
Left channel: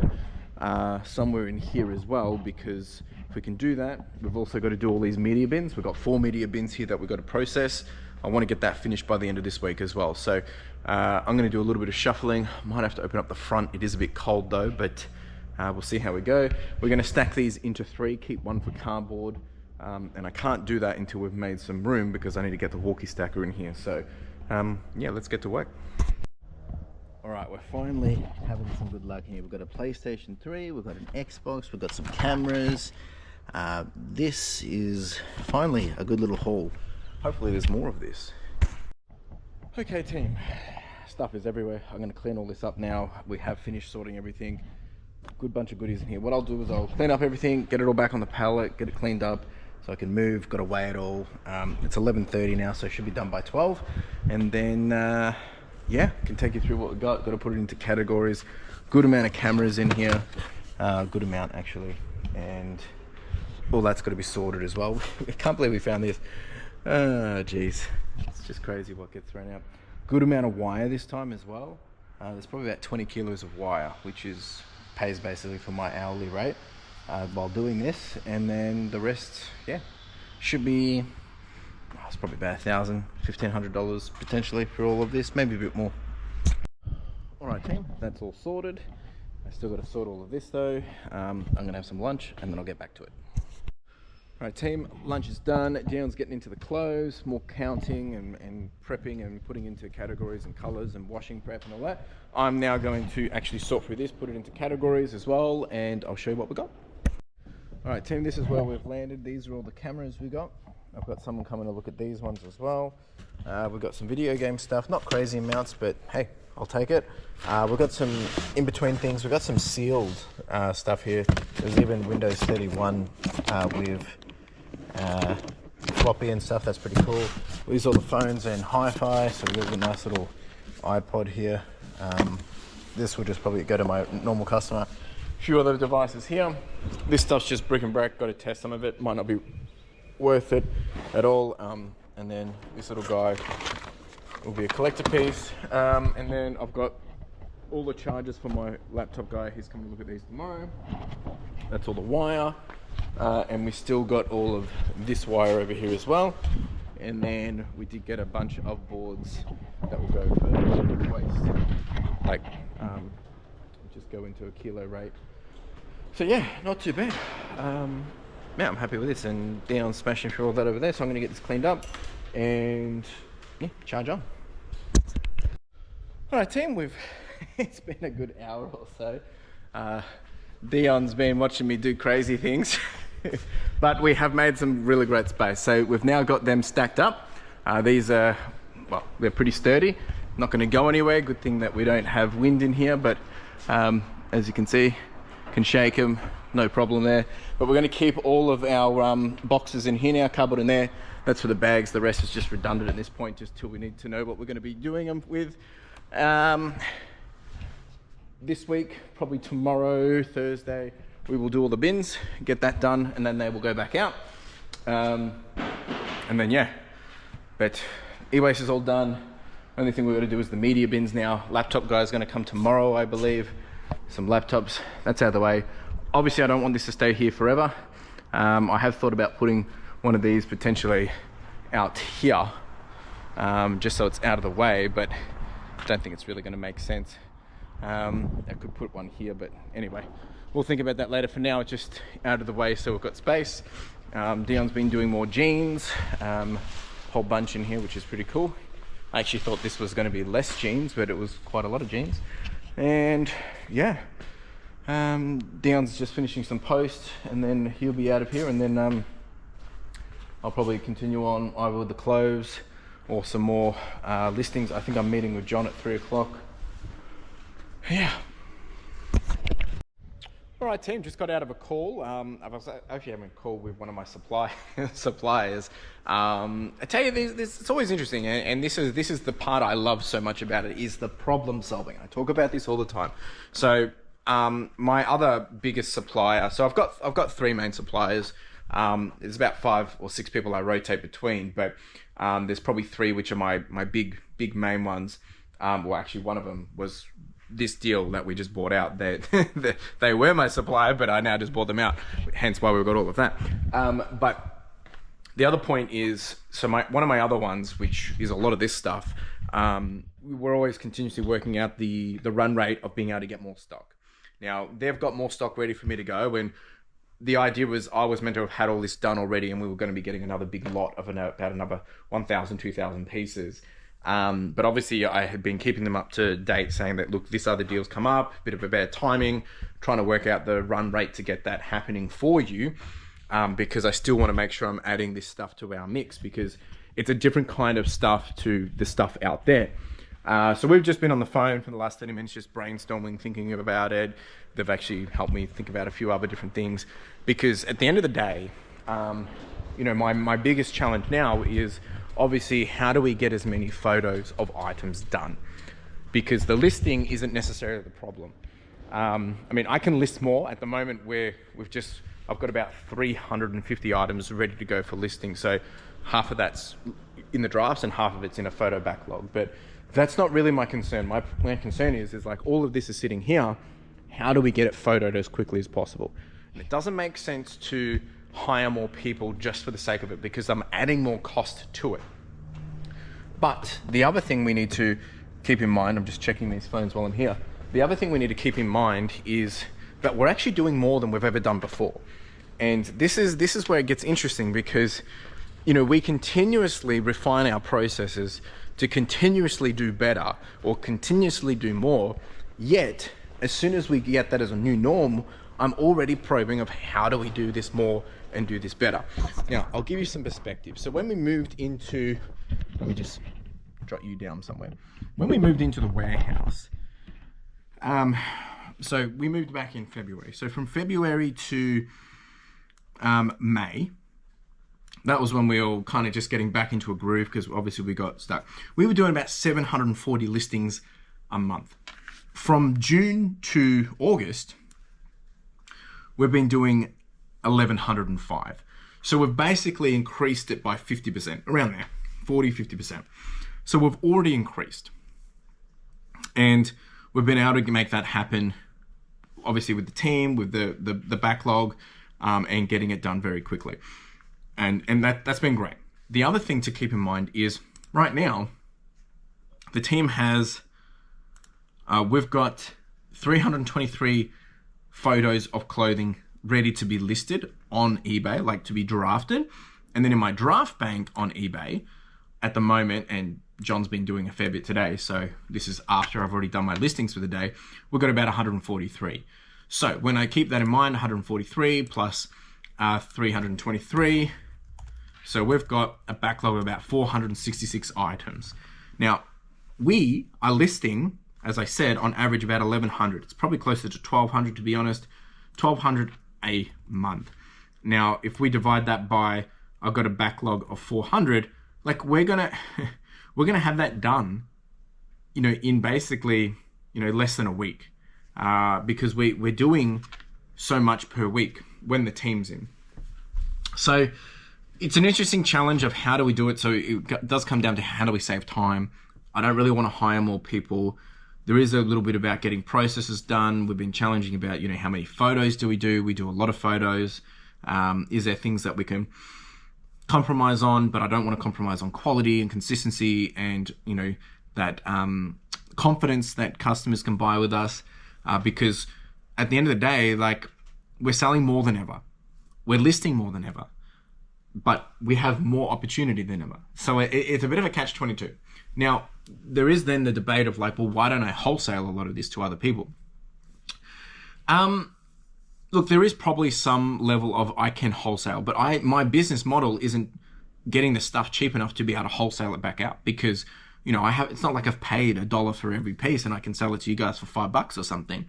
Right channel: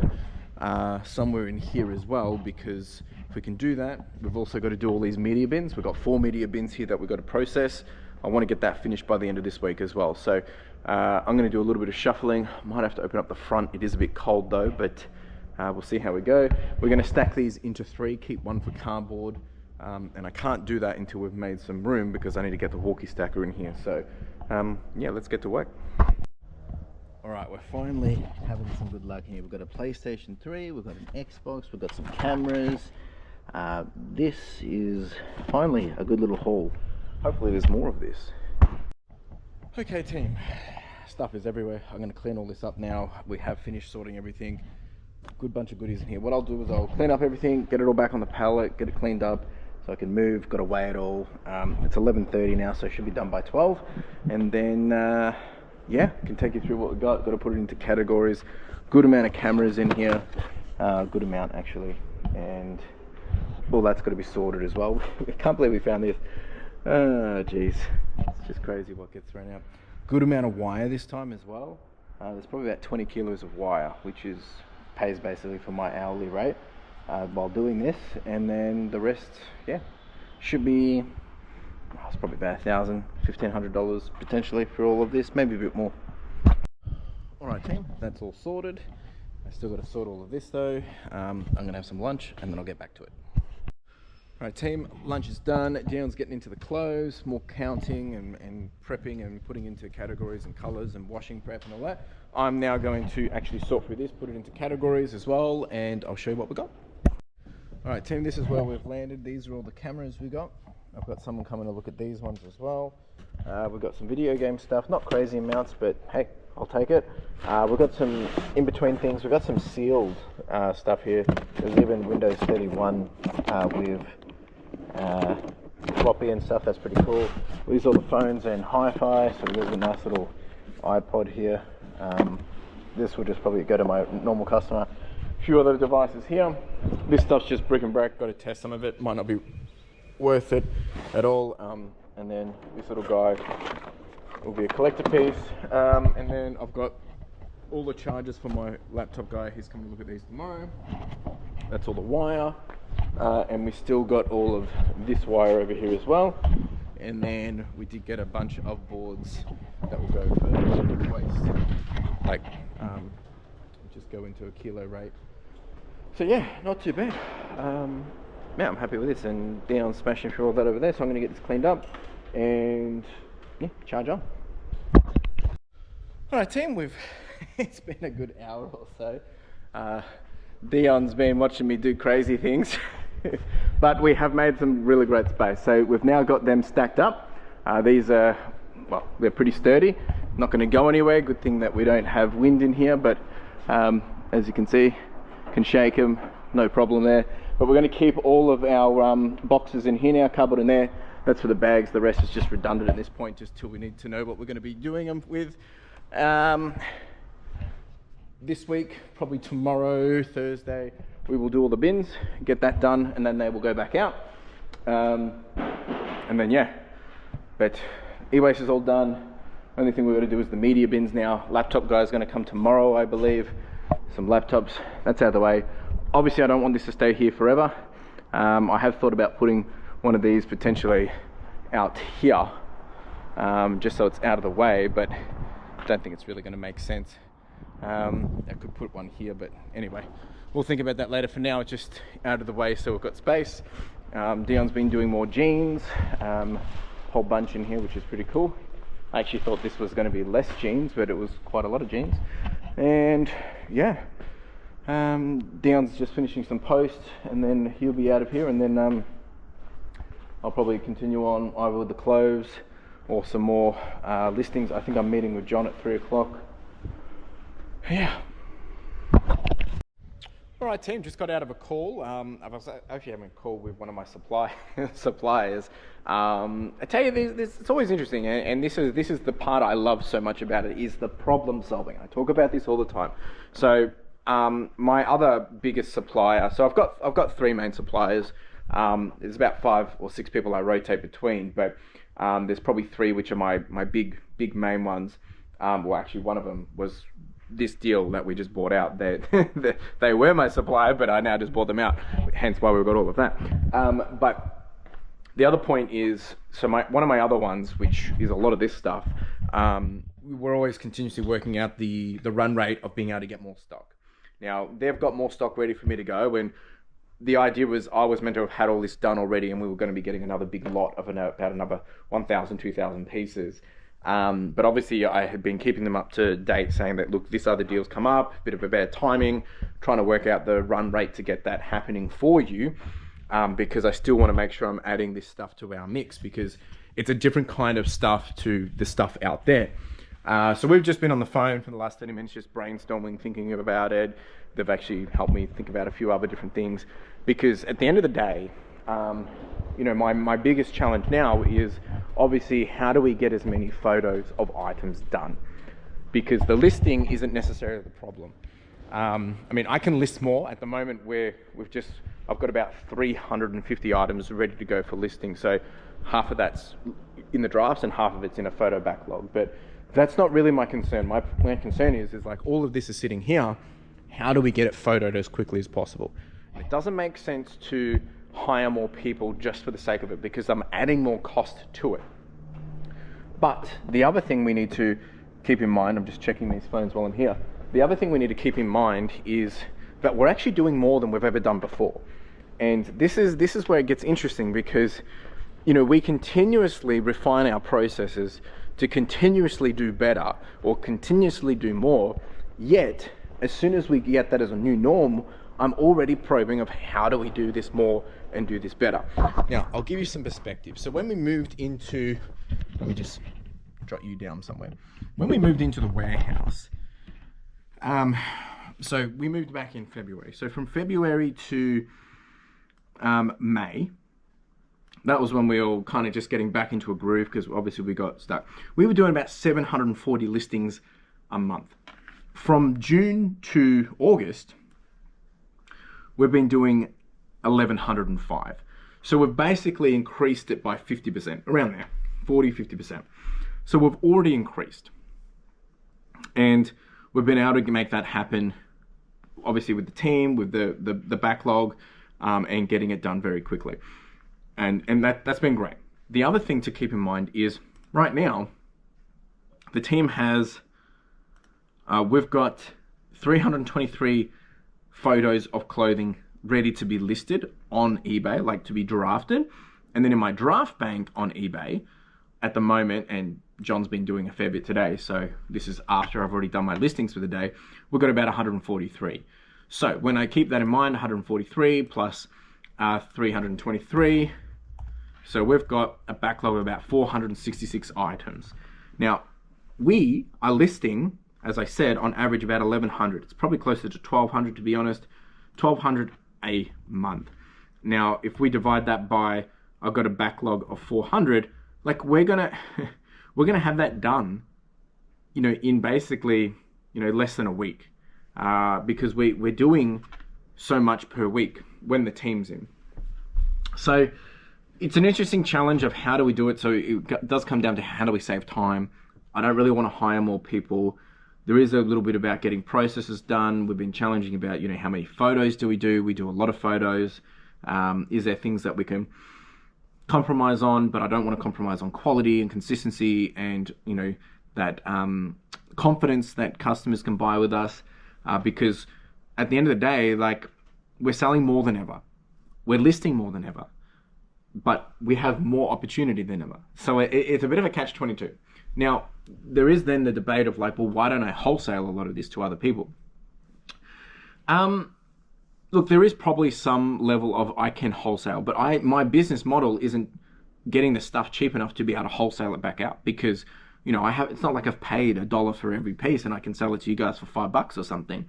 somewhere in here as well, because if we can do that, we've also got to do all these media bins. We've got 4 media bins here that we've got to process. I want to get that finished by the end of this week as well. So I'm going to do a little bit of shuffling. Might have to open up the front. It is a bit cold though, but we'll see how we go. We're going to stack these into 3, keep 1 for cardboard. And I can't do that until we've made some room because I need to get the walkie stacker in here. So yeah, let's get to work. All right, we're finally having some good luck here. We've got a PlayStation 3, we've got an Xbox, we've got some cameras. This is finally a good little haul. Hopefully there's more of this. Okay, team, stuff is everywhere. I'm gonna clean all this up now. We have finished sorting everything. Good bunch of goodies in here. What I'll do is I'll clean up everything, get it all back on the pallet, get it cleaned up so I can move, got to weigh it all. It's 11:30 now, so it should be done by 12. And then yeah, can take you through what we got. Got to put it into categories. Good amount of cameras in here. Good amount actually, and all that's got to be sorted as well. I can't believe we found this. Oh geez, it's just crazy what gets thrown out. Good amount of wire this time as well. There's probably about 20 kilos of wire, which pays basically for my hourly rate while doing this, and then the rest, yeah, should be, it's probably about $1,000, $1,500 potentially for all of this, maybe a bit more. All right, team, that's all sorted. I still got to sort all of this though. I'm gonna have some lunch and then I'll get back to it. All right, team, lunch is done. Dion's getting into the clothes, more counting and prepping and putting into categories and colors and washing prep and all that. I'm now going to actually sort through this, put it into categories as well, and I'll show you what we got. All right, team, this is where we've landed. These are all the cameras we got. I've got someone coming to look at these ones as well. We've got some video game stuff, not crazy amounts, but hey, I'll take it. We've got some in-between things. We've got some sealed stuff here. There's even Windows 31 with floppy and stuff. That's pretty cool. These are all the phones and hi-fi, so we've got a nice little iPod here. This will just probably go to my normal customer. A few other devices here. This stuff's just brick and brack. Got to test some of it. Might not be worth it at all. And then this little guy will be a collector piece. And then I've got all the chargers for my laptop guy. He's coming to look at these tomorrow. That's all the wire. And we still got all of this wire over here as well. And then we did get a bunch of boards that will go for waste. Like, just go into a kilo rate. So yeah, not too bad. Yeah, I'm happy with this, and Dion's smashing through all that over there, so I'm going to get this cleaned up and yeah, charge on. All right, team, it's been a good hour or so. Dion's been watching me do crazy things, but we have made some really great space. So we've now got them stacked up. These are, well, they're pretty sturdy, not going to go anywhere. Good thing that we don't have wind in here, but as you can see, can shake them, no problem there. But we're going to keep all of our boxes in here now, cupboard in there. That's for the bags. The rest is just redundant at this point, just till we need to know what we're going to be doing them with. This week, probably tomorrow, Thursday, we will do all the bins, get that done, and then they will go back out. And then yeah, but e-waste is all done. Only thing we've got to do is the media bins now. Laptop guy's going to come tomorrow, I believe. Some laptops, that's out of the way. Obviously I don't want this to stay here forever. I have thought about putting one of these potentially out here, just so it's out of the way, but I don't think it's really going to make sense. I could put one here, but anyway, we'll think about that later. For now, it's just out of the way so we've got space. Dion's been doing more jeans, whole bunch in here, which is pretty cool. I actually thought this was going to be less jeans, but it was quite a lot of jeans. And yeah, Dion's just finishing some posts, and then he'll be out of here, and then I'll probably continue on either with the clothes or some more listings. I think I'm meeting with John at 3 o'clock. Yeah. All right, team, just got out of a call. I was actually having a call with one of my suppliers. I tell you, it's always interesting, and this is the part I love so much about it, is the problem solving. I talk about this all the time. So my other biggest supplier, so I've got 3 main suppliers. There's about 5 or 6 people I rotate between, but there's probably 3 which are my big main ones. Well, actually, one of them was this deal that we just bought out. They were my supplier, but I now just bought them out, hence why we've got all of that. But the other point is, so one of my other ones, which is a lot of this stuff, we're always continuously working out the run rate of being able to get more stock. Now, they've got more stock ready for me to go, when the idea was I was meant to have had all this done already, and we were going to be getting another big lot of about another 1,000, 2,000 pieces. But obviously I had been keeping them up to date, saying that, look, this other deal's come up, bit of a bad timing, trying to work out the run rate to get that happening for you, because I still want to make sure I'm adding this stuff to our mix, because it's a different kind of stuff to the stuff out there. So we've just been on the phone for the last 30 minutes, just brainstorming, thinking about it. They've actually helped me think about a few other different things, because at the end of the day, you know, my biggest challenge now is obviously how do we get as many photos of items done? because the listing isn't necessarily the problem. I mean, I can list more at the moment where I've got about 350 items ready to go for listing. So half of that's in the drafts and half of it's in a photo backlog. But that's not really my concern. My concern is like all of this is sitting here. How do we get it photoed as quickly as possible? It doesn't make sense to hire more people just for the sake of it because I'm adding more cost to it. But the other thing we need to keep in mind, I'm just checking these phones while I'm here. The other thing we need to keep in mind is that we're actually doing more than we've ever done before. And this is where it gets interesting because, you know, we continuously refine our processes to continuously do better or continuously do more. Yet, as soon as we get that as a new norm, I'm already probing of how do we do this more and do this better. Now, I'll give you some perspective. So when we moved into, let me just jot you down somewhere. When we moved into the warehouse, so we moved back in February. So from February to May, that was when we were all kind of just getting back into a groove because obviously we got stuck. We were doing about 740 listings a month. From June to August, we've been doing 1,105. So we've basically increased it by 50%, around there, 40-50%. So we've already increased. And we've been able to make that happen, obviously with the team, with the backlog, and getting it done very quickly. And that's been great. The other thing to keep in mind is right now, the team has, we've got 323 photos of clothing ready to be listed on eBay, like to be drafted. And then in my draft bank on eBay at the moment, and John's been doing a fair bit today, so this is after I've already done my listings for the day, we've got about 143. So when I keep that in mind, 143 plus 323, so we've got a backlog of about 466 items. Now, we are listing, as I said, on average about 1,100. It's probably closer to 1,200 to be honest, 1,200 a month. Now, if we divide that by, I've got a backlog of 400, like we're gonna have that done, you know, in basically, you know, less than a week, because we're doing so much per week when the team's in. So it's an interesting challenge of how do we do it. So it does come down to how do we save time. I don't really want to hire more people. There is a little bit about getting processes done. We've been challenging about, you know, how many photos do we do? We do a lot of photos. Is there things that we can compromise on, but I don't want to compromise on quality and consistency and, you know, that confidence that customers can buy with us, because at the end of the day, like, we're selling more than ever. We're listing more than ever, but we have more opportunity than ever. So it's a bit of a catch-22. Now, there is then the debate of like, well, why don't I wholesale a lot of this to other people? Look, there is probably some level of I can wholesale, but my business model isn't getting the stuff cheap enough to be able to wholesale it back out because, you know, it's not like I've paid $1 for every piece and I can sell it to you guys for $5 or something.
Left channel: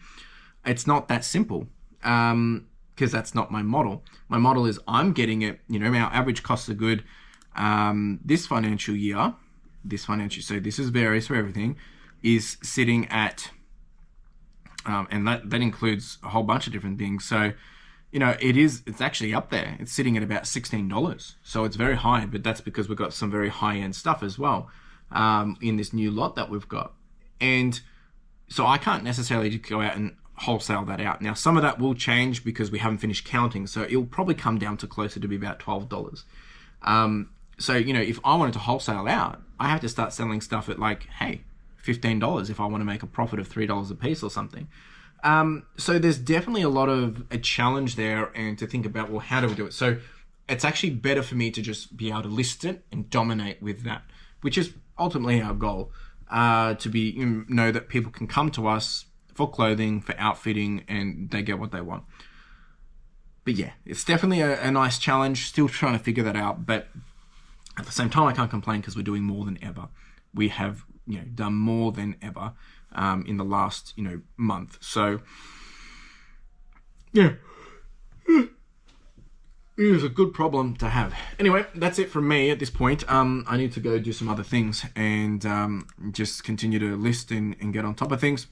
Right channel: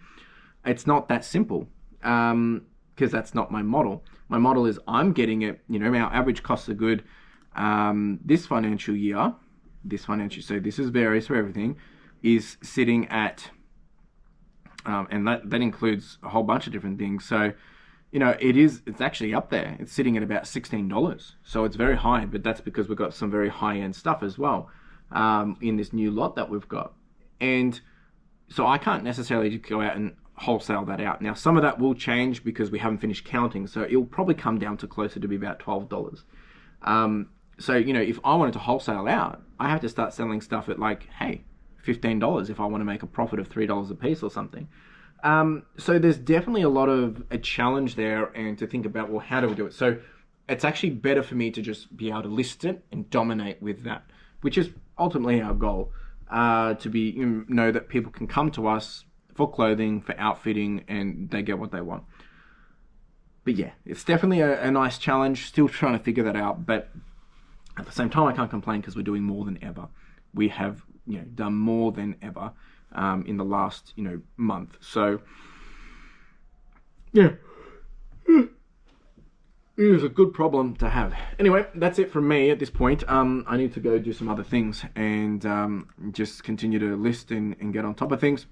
It's not that simple, because that's not my model. My model is I'm getting it, you know, our average costs are good. This financial year, so this is varies for everything, is sitting at, and that includes a whole bunch of different things. So, you know, it's actually up there. It's sitting at about $16. So it's very high, but that's because we've got some very high-end stuff as well, in this new lot that we've got. And so I can't necessarily just go out and wholesale that out. Now, some of that will change because we haven't finished counting. So it'll probably come down to closer to be about $12. So, you know, if I wanted to wholesale out, I have to start selling stuff at like, hey, $15 if I want to make a profit of $3 a piece or something. So there's definitely a lot of a challenge there, and to think about, well, how do we do it? So it's actually better for me to just be able to list it and dominate with that, which is ultimately our goal, to be, you know that people can come to us for clothing, for outfitting, and they get what they want. But yeah, it's definitely a nice challenge, still trying to figure that out. But at the same time, I can't complain because we're doing more than ever. We have, you know, done more than ever in the last, you know, month. So yeah. It is a good problem to have. Anyway, that's it from me at this point. I need to go do some other things and just continue to list and get on top of things.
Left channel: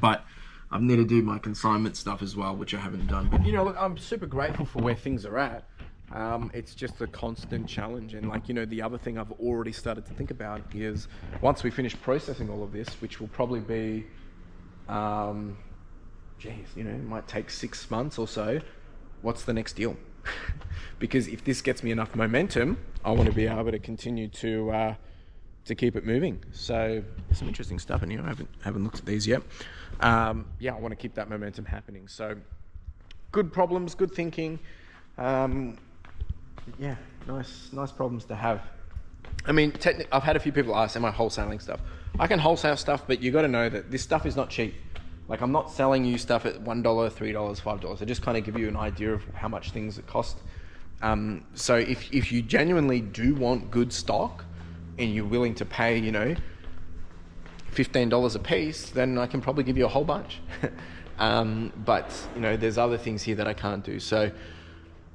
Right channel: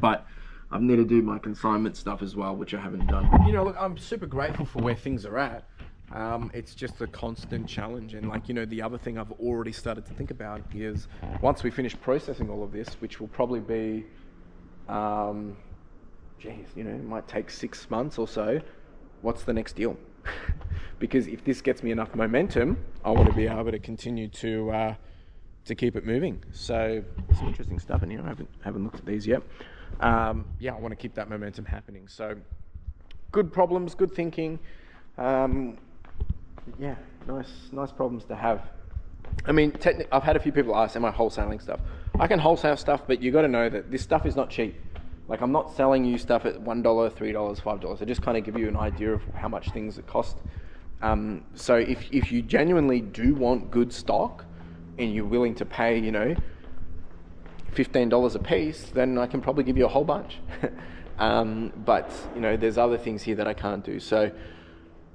But I need to do my consignment stuff as well, which I haven't done. But, you know, look, I'm super grateful for where things are at. It's just a constant challenge. And like, you know, the other thing I've already started to think about is once we finish processing all of this, which will probably be, geez, you know, it might take 6 months or so. What's the next deal? Because if this gets me enough momentum, I want to be able to continue to keep it moving. So there's some interesting stuff in here. I haven't looked at these yet. Yeah, I want to keep that momentum happening. So good problems, good thinking. Yeah, nice problems to have. I mean, I've had a few people ask, am I wholesaling stuff? I can wholesale stuff, but you got to know that this stuff is not cheap. Like, I'm not selling you stuff at $1, $3, $5. I just kind of give you an idea of how much things cost. So if you genuinely do want good stock and you're willing to pay, you know, $15 a piece, then I can probably give you a whole bunch. But, you know, there's other things here that I can't do. So,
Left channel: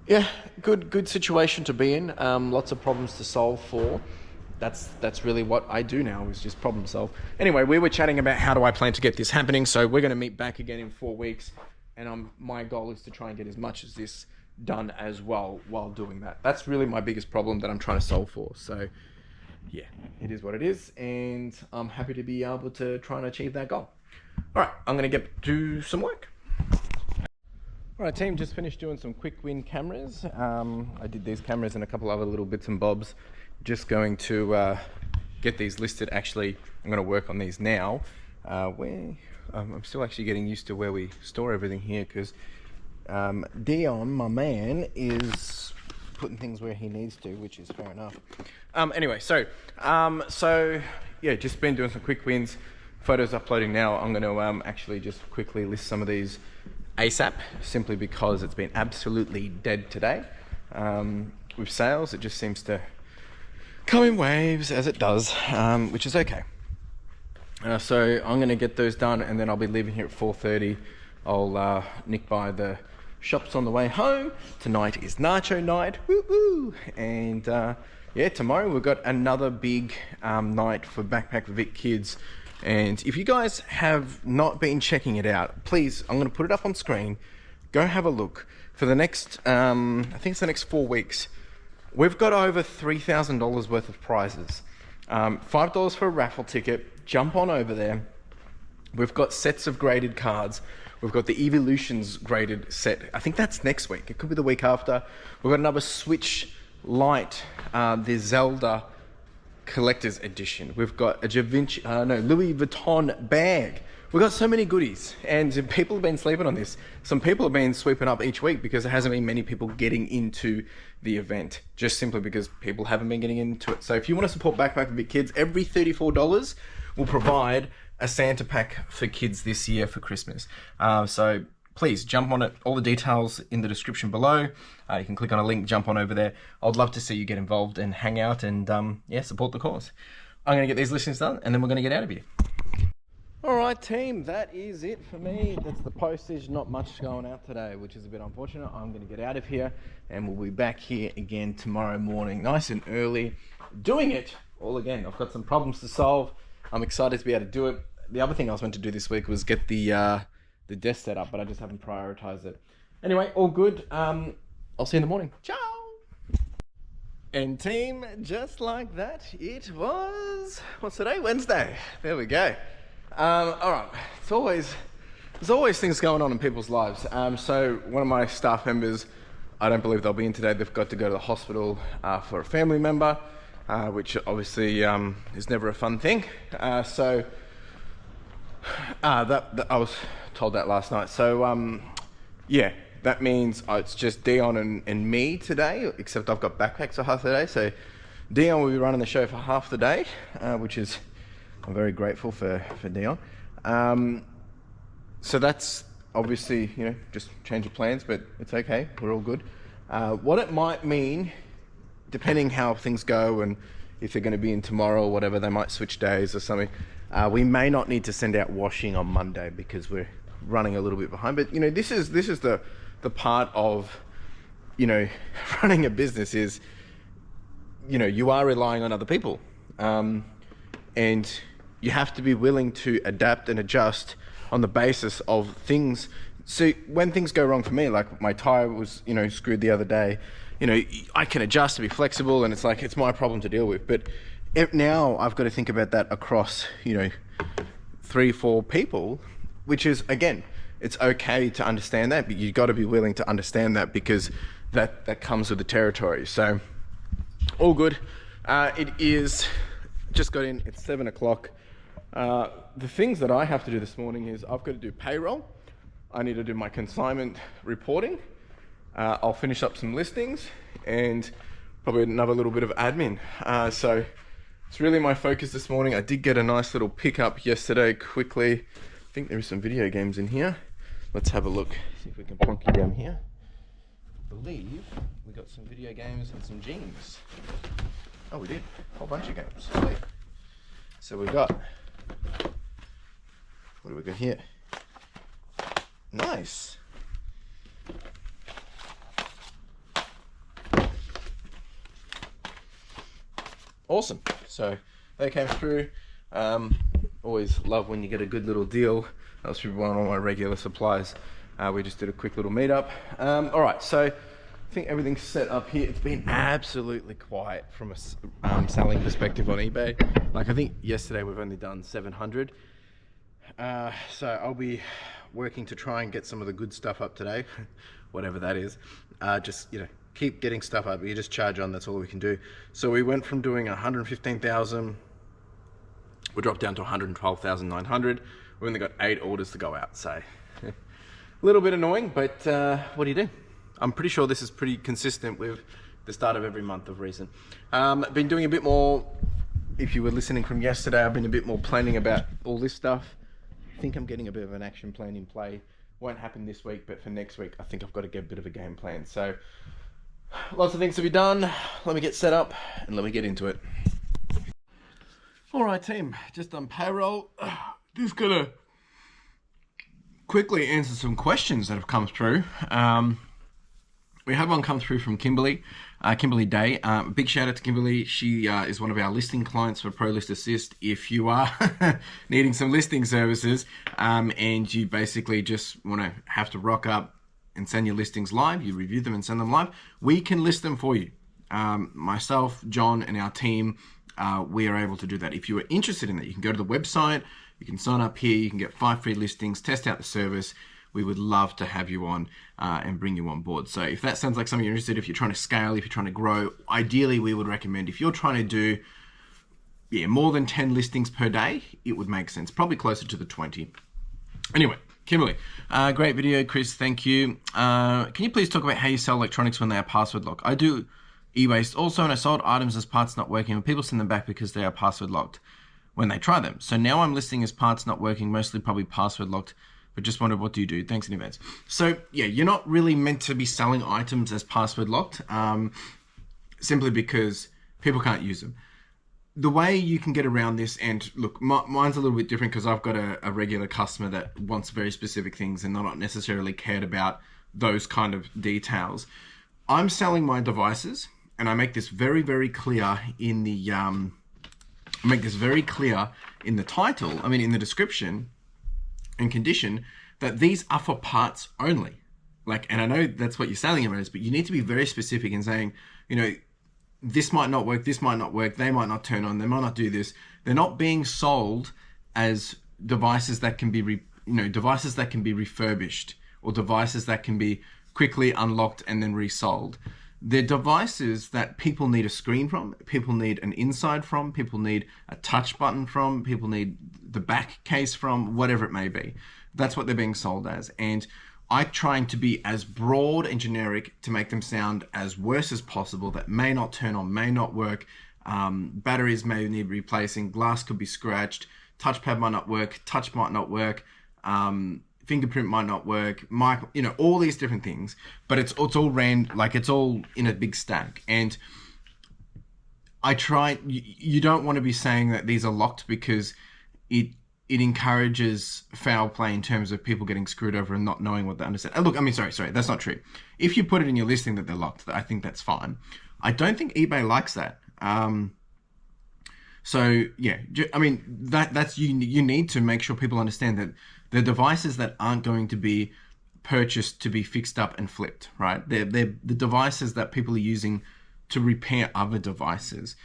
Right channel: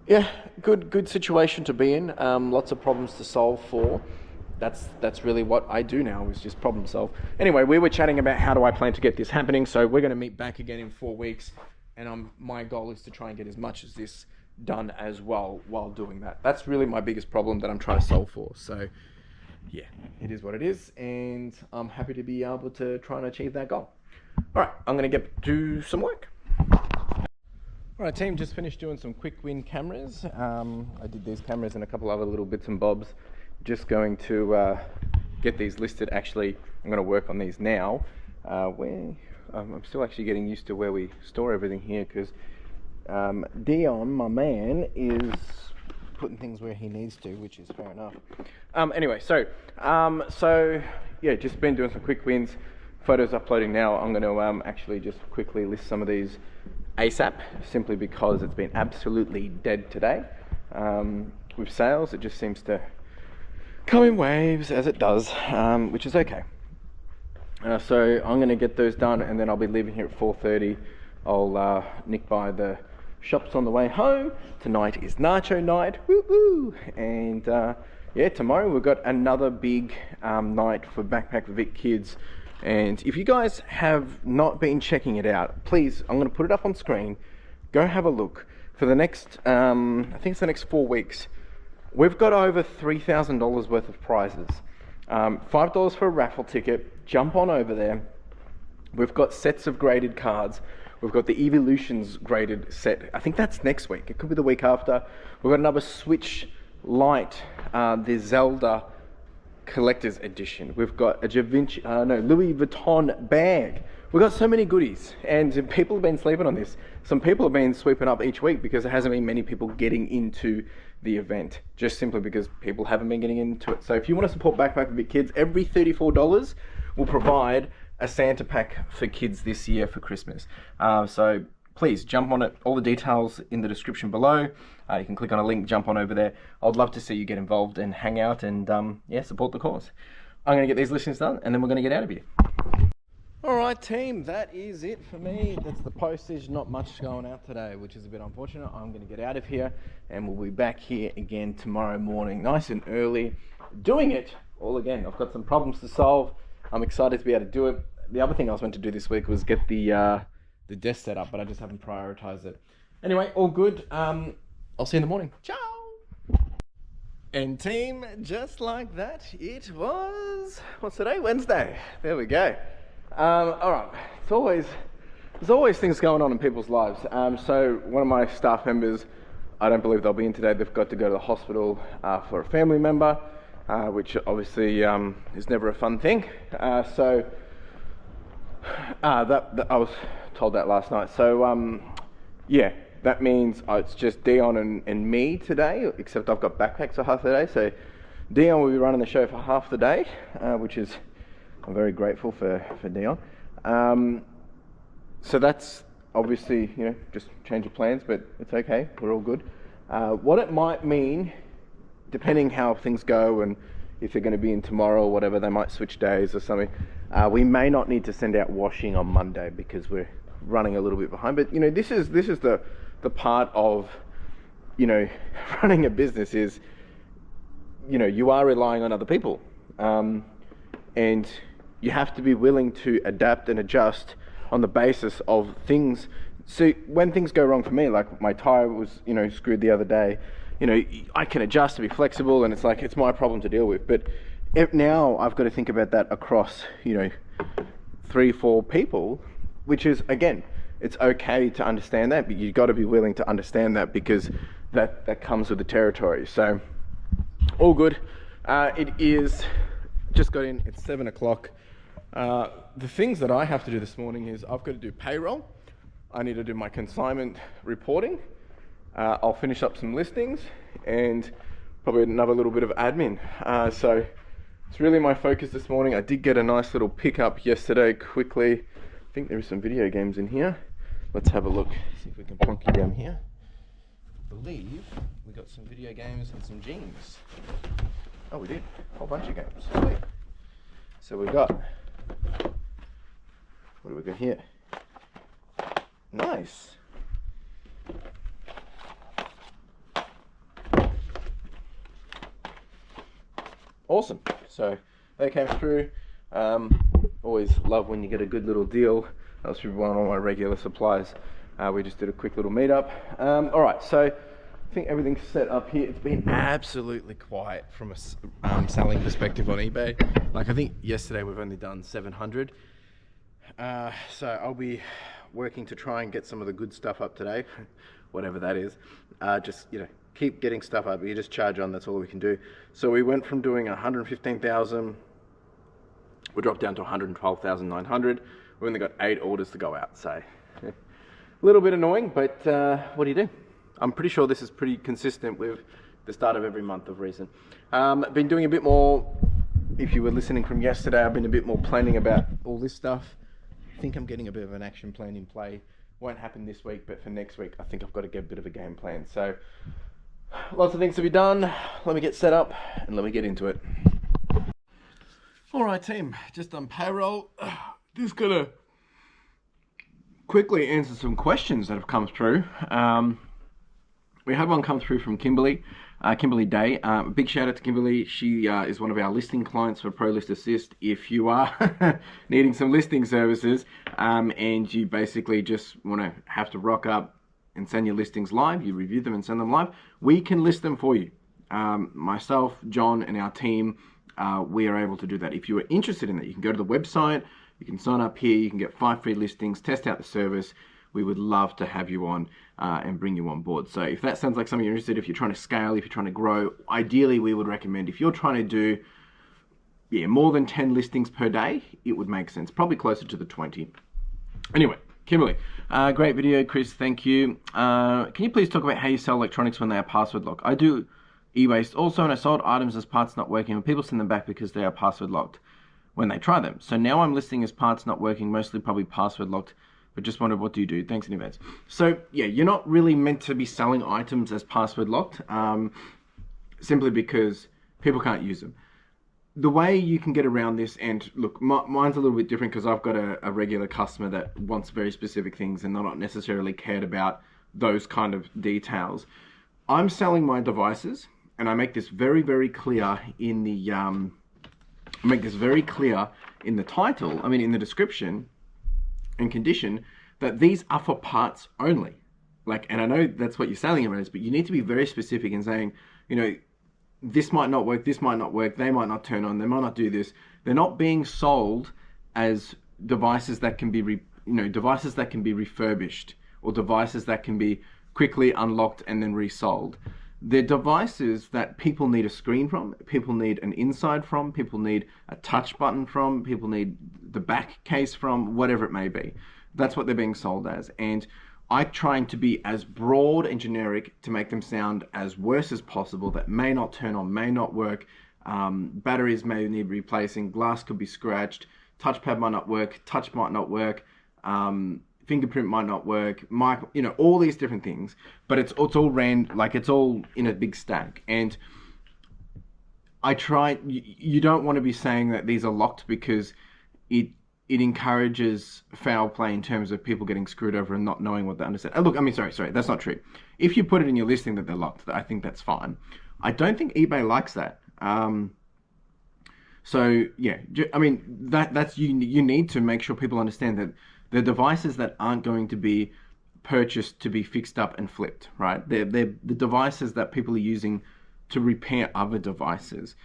yeah, good situation to be in. Lots of problems to solve for. That's really what I do now, is just problem solve. Anyway, we were chatting about how do I plan to get this happening. So we're going to meet back again in 4 weeks, and my goal is to try and get as much as this done as well while doing that. That's really my biggest problem that I'm trying to solve for. So yeah, it is what it is, and I'm happy to be able to try and achieve that goal. All right, I'm going to get to some work. All right, team, just finished doing some quick win cameras. I did these cameras and a couple other little bits and bobs. Just going to get these listed. Actually, I'm going to work on these now. I'm still actually getting used to where we store everything here, because Dion, my man, is putting things where he needs to, which is fair enough. Anyway, so yeah, just been doing some quick wins. Photos uploading now. I'm going to actually just quickly list some of these ASAP, simply because it's been absolutely dead today. With sales, it just seems to come in waves, as it does, which is okay. So I'm going to get those done, and then I'll be leaving here at 4:30. I'll nick by the shops on the way home. Tonight is nacho night, woo-woo! And yeah, tomorrow we've got another big night for Backpack Vic Kids. And if you guys have not been checking it out, please, I'm going to put it up on screen. Go have a look. For the next, I think it's the next 4 weeks, we've got over $3,000 worth of prizes. $5 for a raffle ticket. Jump on over there. We've got sets of graded cards. We've got the Evolutions graded set. I think that's next week. It could be the week after. We've got another Switch Lite, the Zelda Collector's Edition. We've got a Louis Vuitton bag. We've got so many goodies, and people have been sleeping on this. Some people have been sweeping up each week because there hasn't been many people getting into the event, just simply because people haven't been getting into it. So if you want to support Backpack Vic Kids, every $34 will provide a Santa pack for kids this year for Christmas. So please jump on it. All the details in the description below. You can click on a link, jump on over there. I'd love to see you get involved and hang out and yeah, support the cause. I'm going to get these listings done, and then we're going to get out of here. All right, team, that is it for me. That's the postage. Not much going out today, which is a bit unfortunate. I'm going to get out of here, and we'll be back here again tomorrow morning, nice and early, doing it all again. I've got some problems to solve. I'm excited to be able to do it. The other thing I was meant to do this week was get the desk set up, but I just haven't prioritized it. Anyway, all good. I'll see you in the morning. Ciao. And team, just like that, it was, what's today? Wednesday. There we go. All right, there's always things going on in people's lives. So one of my staff members, I don't believe they'll be in today. They've got to go to the hospital for a family member, which obviously is never a fun thing. So that I was told that last night. So yeah, that means it's just Dion and me today, except I've got backpacks for half the day. So Dion will be running the show for half the day, which is, I'm very grateful for Dion. So that's obviously, you know, just change of plans, but it's okay. We're all good. What it might mean, depending how things go and if they're going to be in tomorrow or whatever, they might switch days or something. We may not need to send out washing on Monday because we're running a little bit behind. But you know, this is the part of you know, running a business is, you know, you are relying on other people, and you have to be willing to adapt and adjust on the basis of things. So when things go wrong for me, like my tire was, you know, screwed the other day, you know, I can adjust to be flexible, and it's like, it's my problem to deal with. But now I've got to think about that across, you know, 3-4 people, which is, again, it's okay to understand that, but you've got to be willing to understand that, because that comes with the territory. So all good. It is just got in, it's 7 o'clock. The things that I have to do this morning is I've got to do payroll. I need to do my consignment reporting. I'll finish up some listings and probably another little bit of admin. So it's really my focus this morning. I did get a nice little pickup yesterday quickly. I think there is some video games in here. Let's have a look, see if we can plonk you down here. I believe we got some video games and some jeans. Oh, we did, a whole bunch of games. Sweet. So we got, what do we got here? Nice. Awesome. So they came through. Always love when you get a good little deal. That was through one of my regular suppliers. We just did a quick little meetup. All right, so I think everything's set up here. It's been absolutely quiet from a selling perspective on eBay. Like, I think yesterday we've only done 700. So I'll be working to try and get some of the good stuff up today, whatever that is. Just, you know, keep getting stuff up. You just charge on, that's all we can do. So we went from doing 115,000, we dropped down to 112,900. We've only got 8 orders to go out, so a little bit annoying, but what do you do? I'm pretty sure this is pretty consistent with the start of every month of recent. Been doing a bit more, if you were listening from yesterday, I've been a bit more planning about all this stuff. I think I'm getting a bit of an action plan in play. Won't happen this week, but for next week, I think I've got to get a bit of a game plan. So lots of things to be done. Let me get set up and let me get into it. All right, team, just on payroll. Just gonna quickly answer some questions that have come through. We had one come through from Kimberly, Kimberly Day. Big shout out to Kimberly. She is one of our listing clients for Pro List Assist. If you are needing some listing services and you basically just want to have to rock up and send your listings live, you review them and send them live, we can list them for you. Myself, John, and our team, we are able to do that. If you are interested in that, you can go to the website, you can sign up here, you can get 5 free listings, test out the service. We would love to have you on and bring you on board. So if that sounds like something you're interested in, if you're trying to scale, if you're trying to grow, ideally we would recommend, if you're trying to do more than 10 listings per day, it would make sense, probably closer to the 20. Anyway, Kimberly, great video, Chris, thank you. Can you please talk about how you sell electronics when they are password locked? I do Ewaste also, and I sold items as parts not working, and people send them back because they are password locked when they try them. So now I'm listing as parts not working, mostly probably password locked, but just wondered, what do you do? Thanks in advance. So yeah, you're not really meant to be selling items as password locked, simply because people can't use them. The way you can get around this, and look, mine's a little bit different because I've got a regular customer that wants very specific things and they're not necessarily cared about those kind of details. I'm selling my devices, and I make this very, very clear in the title, in the description and condition, that these are for parts only. And I know that's what you're selling them as, but you need to be very specific in saying, this might not work, they might not turn on, they might not do this. They're not being sold as devices that can be, devices that can be refurbished, or devices that can be quickly unlocked and then resold. They're devices that people need a screen from, people need an inside from, people need a touch button from, people need the back case from, whatever it may be. That's what they're being sold as. And I'm trying to be as broad and generic to make them sound as worse as possible, that may not turn on, may not work, batteries may need replacing, glass could be scratched, touchpad might not work, touch might not work, fingerprint might not work, all these different things, but it's all it's all in a big stack. And I try, you don't want to be saying that these are locked because it it encourages foul play in terms of people getting screwed over and not knowing what they understand. Look, I mean, sorry, that's not true. If you put it in your listing that they're locked, I think that's fine. I don't think eBay likes that. So yeah, I mean, that's you need to make sure people understand that the devices that aren't going to be purchased to be fixed up and flipped, right? They're the devices that people are using to repair other devices.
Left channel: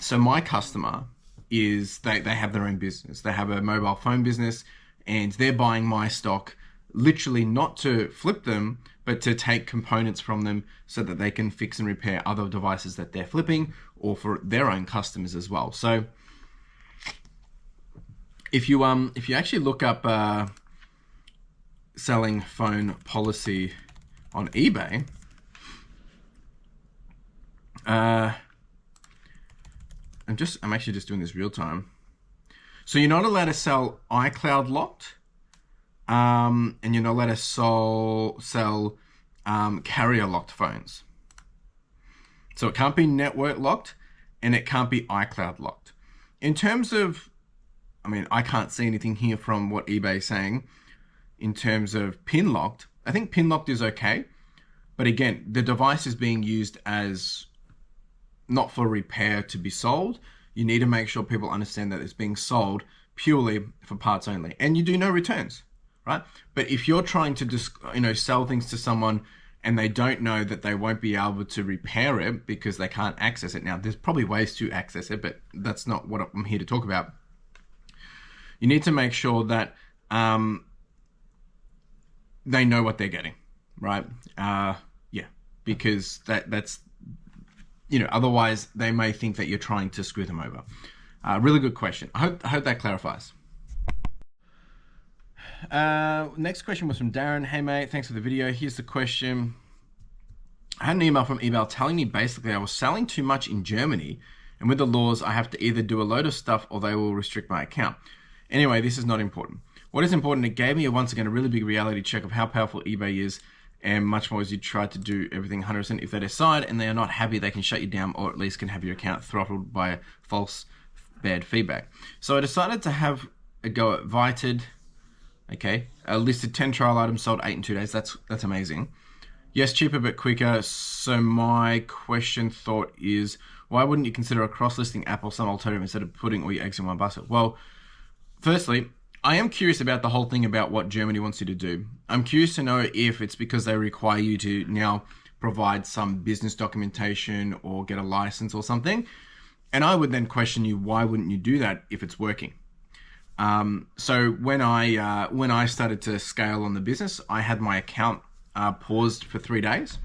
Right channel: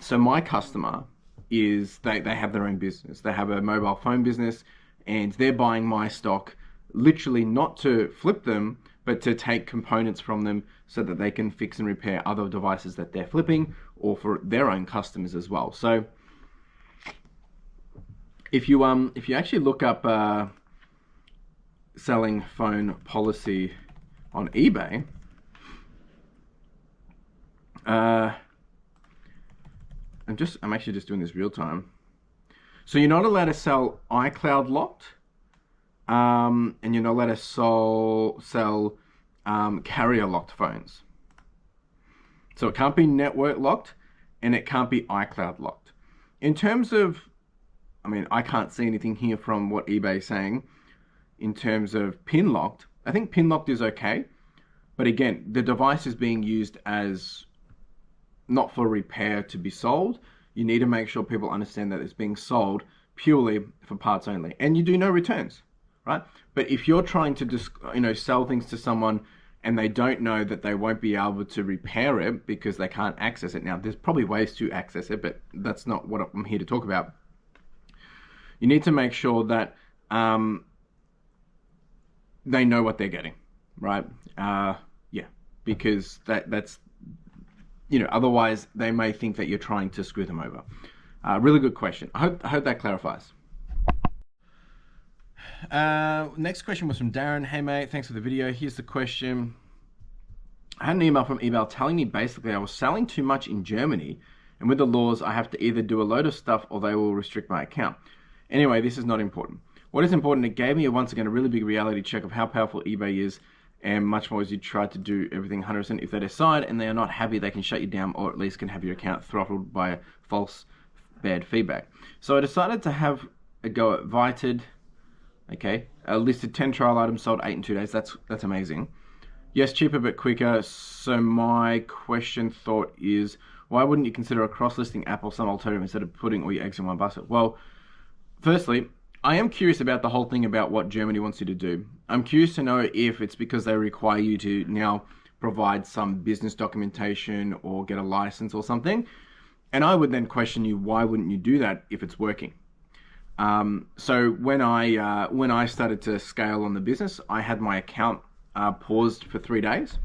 So my customer is they have their own business. They have a mobile phone business, and they're buying my stock literally not to flip them, but to take components from them so that they can fix and repair other devices that they're flipping, or for their own customers as well. So if you actually look up selling phone policy on eBay, I'm actually just doing this real time. So you're not allowed to sell iCloud locked, and you're not allowed to sell carrier locked phones. So it can't be network locked, and it can't be iCloud locked. In terms of, I mean, I can't see anything here from what eBay is saying in terms of pin locked. I think pin locked is okay, but again, the device is being used as not for repair to be sold. You need to make sure people understand that it's being sold purely for parts only, and you do no returns, right? But if you're trying to just, sell things to someone and they don't know that they won't be able to repair it because they can't access it. Now, there's probably ways to access it, but that's not what I'm here to talk about. You need to make sure that they know what they're getting, right? Because that's otherwise they may think that you're trying to screw them over. Really good question. I hope that clarifies. Next question was from Darren. Hey mate, thanks for the video. Here's the question. I had an email from eBay telling me basically I was selling too much in Germany, and with the laws I have to either do a load of stuff or they will restrict my account. Anyway, this is not important. What is important, it gave me once again a really big reality check of how powerful eBay is, and much more as you try to do everything 100%. If they decide and they are not happy, they can shut you down, or at least can have your account throttled by false bad feedback. So I decided to have a go at Vited. Okay, listed 10 trial items, sold 8 in 2 days. That's amazing. Yes, cheaper but quicker. So my thought is, why wouldn't you consider a cross-listing app or some alternative instead of putting all your eggs in one basket? Well, firstly, I am curious about the whole thing about what Germany wants you to do. I'm curious to know if it's because they require you to now provide some business documentation or get a license or something. And I would then question you, why wouldn't you do that if it's working? So when I started to scale on the business, I had my account paused for 3 days,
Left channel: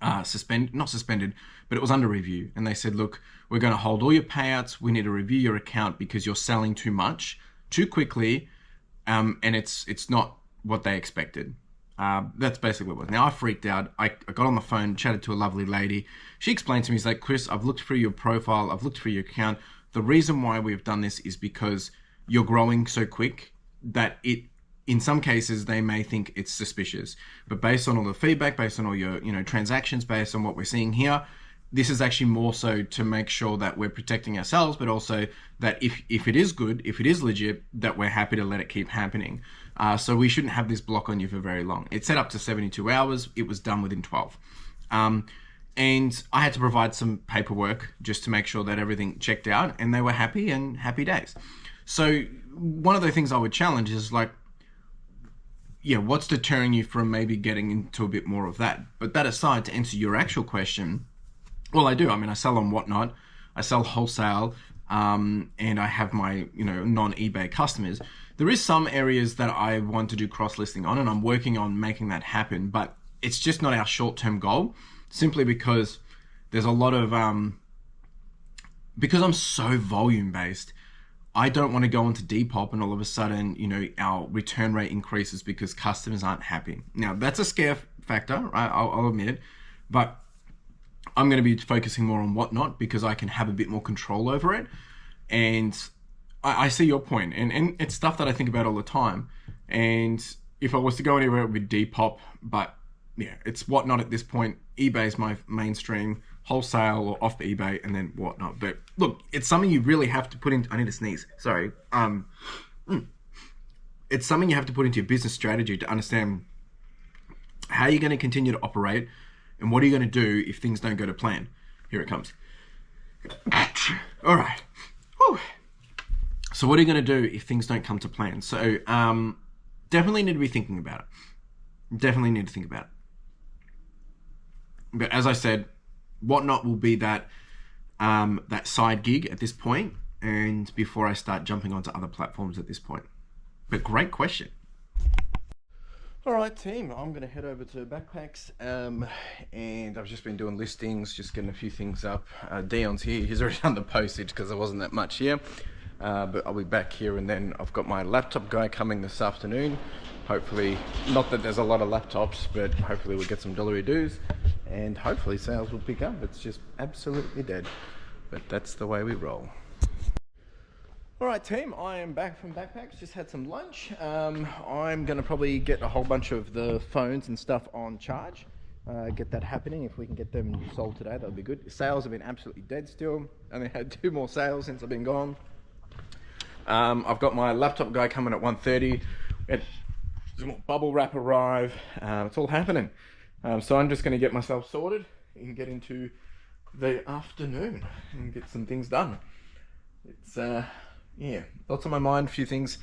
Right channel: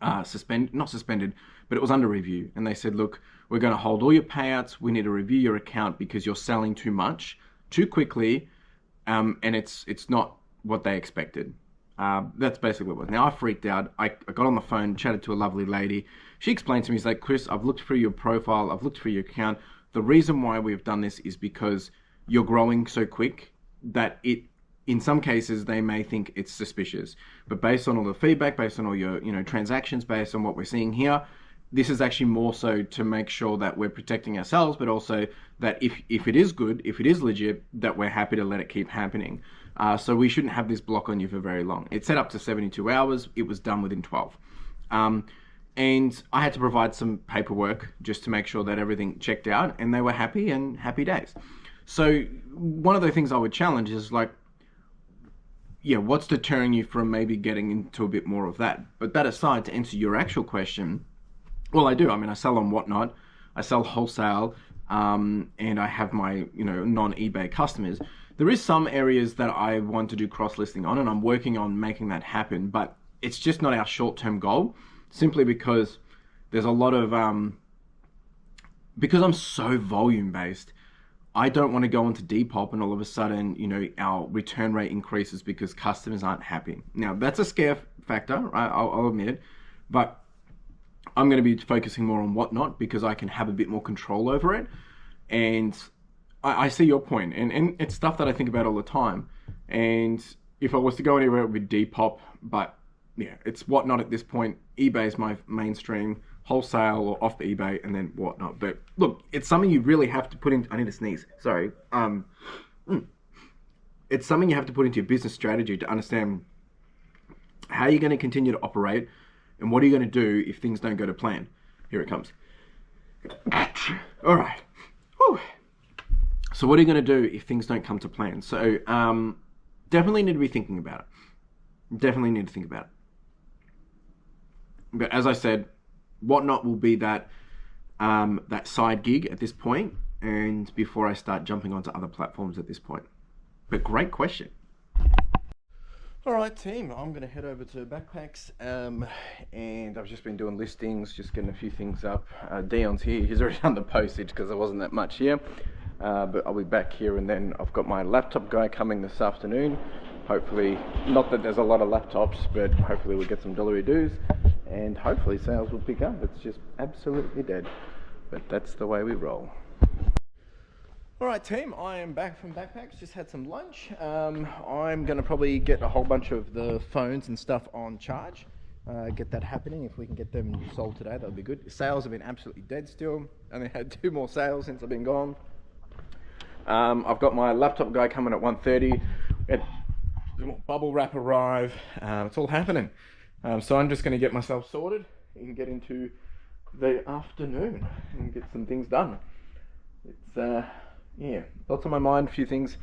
not suspended, but it was under review. And they said, look, we're going to hold all your payouts. We need to review your account because you're selling too much, too quickly, and it's not what they expected. That's basically what it was. Now I freaked out. I got on the phone, chatted to a lovely lady. She explained to me, she's like, Chris, I've looked through your profile. I've looked through your account. The reason why we've done this is because you're growing so quick that in some cases they may think it's suspicious, but based on all the feedback, based on all your transactions, based on what we're seeing here, this is actually more so to make sure that we're protecting ourselves, but also that if it is good, if it is legit, that we're happy to let it keep happening. So we shouldn't have this block on you for very long. It's set up to 72 hours. It was done within 12. And I had to provide some paperwork just to make sure that everything checked out, and they were happy, and happy days. So one of the things I would challenge is like, what's deterring you from maybe getting into a bit more of that? But that aside, to answer your actual question, well, I do. I mean, I sell on Whatnot, I sell wholesale, and I have my non-eBay customers. There is some areas that I want to do cross-listing on, and I'm working on making that happen, but it's just not our short-term goal, simply because there's a lot of, because I'm so volume-based, I don't want to go into Depop and all of a sudden, our return rate increases because customers aren't happy. Now, that's a scare factor, right? I'll admit it, but I'm going to be focusing more on Whatnot because I can have a bit more control over it. And I see your point, and it's stuff that I think about all the time. And if I was to go anywhere, it would be Depop, but yeah, it's Whatnot at this point. eBay is my mainstream, wholesale or off the eBay, and then Whatnot. But look, it's something you really have to put in. I need to sneeze. Sorry. It's something you have to put into your business strategy to understand how you're going to continue to operate and what are you going to do if things don't go to plan. Here it comes. All right. Whew. So what are you going to do if things don't come to plan? So definitely need to be thinking about it. Definitely need to think about it. But as I said, Whatnot will be that that side gig at this point, and before I start jumping onto other platforms at this point. But great question. All right, team, I'm going to head over to Backpacks, and I've just been doing listings, just getting a few things up. Dion's here. He's already done the postage because there wasn't that much here, but I'll be back here, and then I've got my laptop guy coming this afternoon. Hopefully, not that there's a lot of laptops, but hopefully we'll get some delivery dues, and hopefully sales will pick up. It's just absolutely dead, but that's the way we roll. All right, team, I am back from Backpacks, just had some lunch. I'm gonna probably get a whole bunch of the phones and stuff on charge, get that happening. If we can get them sold today, that'll be good. Sales have been absolutely dead still. Only had 2 more sales since I've been gone. I've got my laptop guy coming at 1:30. We had some more bubble wrap arrive. It's all happening. So I'm just gonna get myself sorted and get into the afternoon and get some things done. It's yeah, lots on my mind, a few things.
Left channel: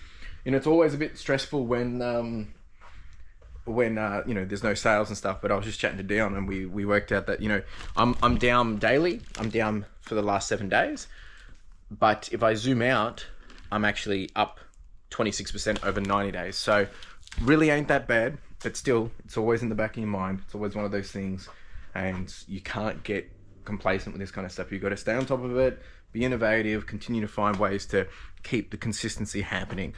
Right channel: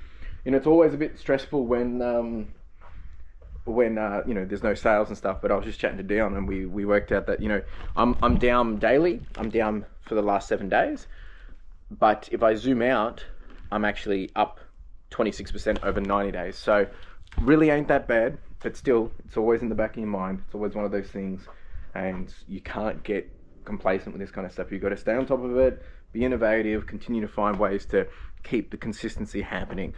You know, it's always a bit stressful when you know, there's no sales and stuff, but I was just chatting to Dion and we worked out that, you know, I'm down daily. I'm down for the last 7 days. But if I zoom out, I'm actually up 26% over 90 days. So really ain't that bad, but still, it's always in the back of your mind. It's always one of those things, and you can't get complacent with this kind of stuff. You've got to stay on top of it, be innovative, continue to find ways to keep the consistency happening.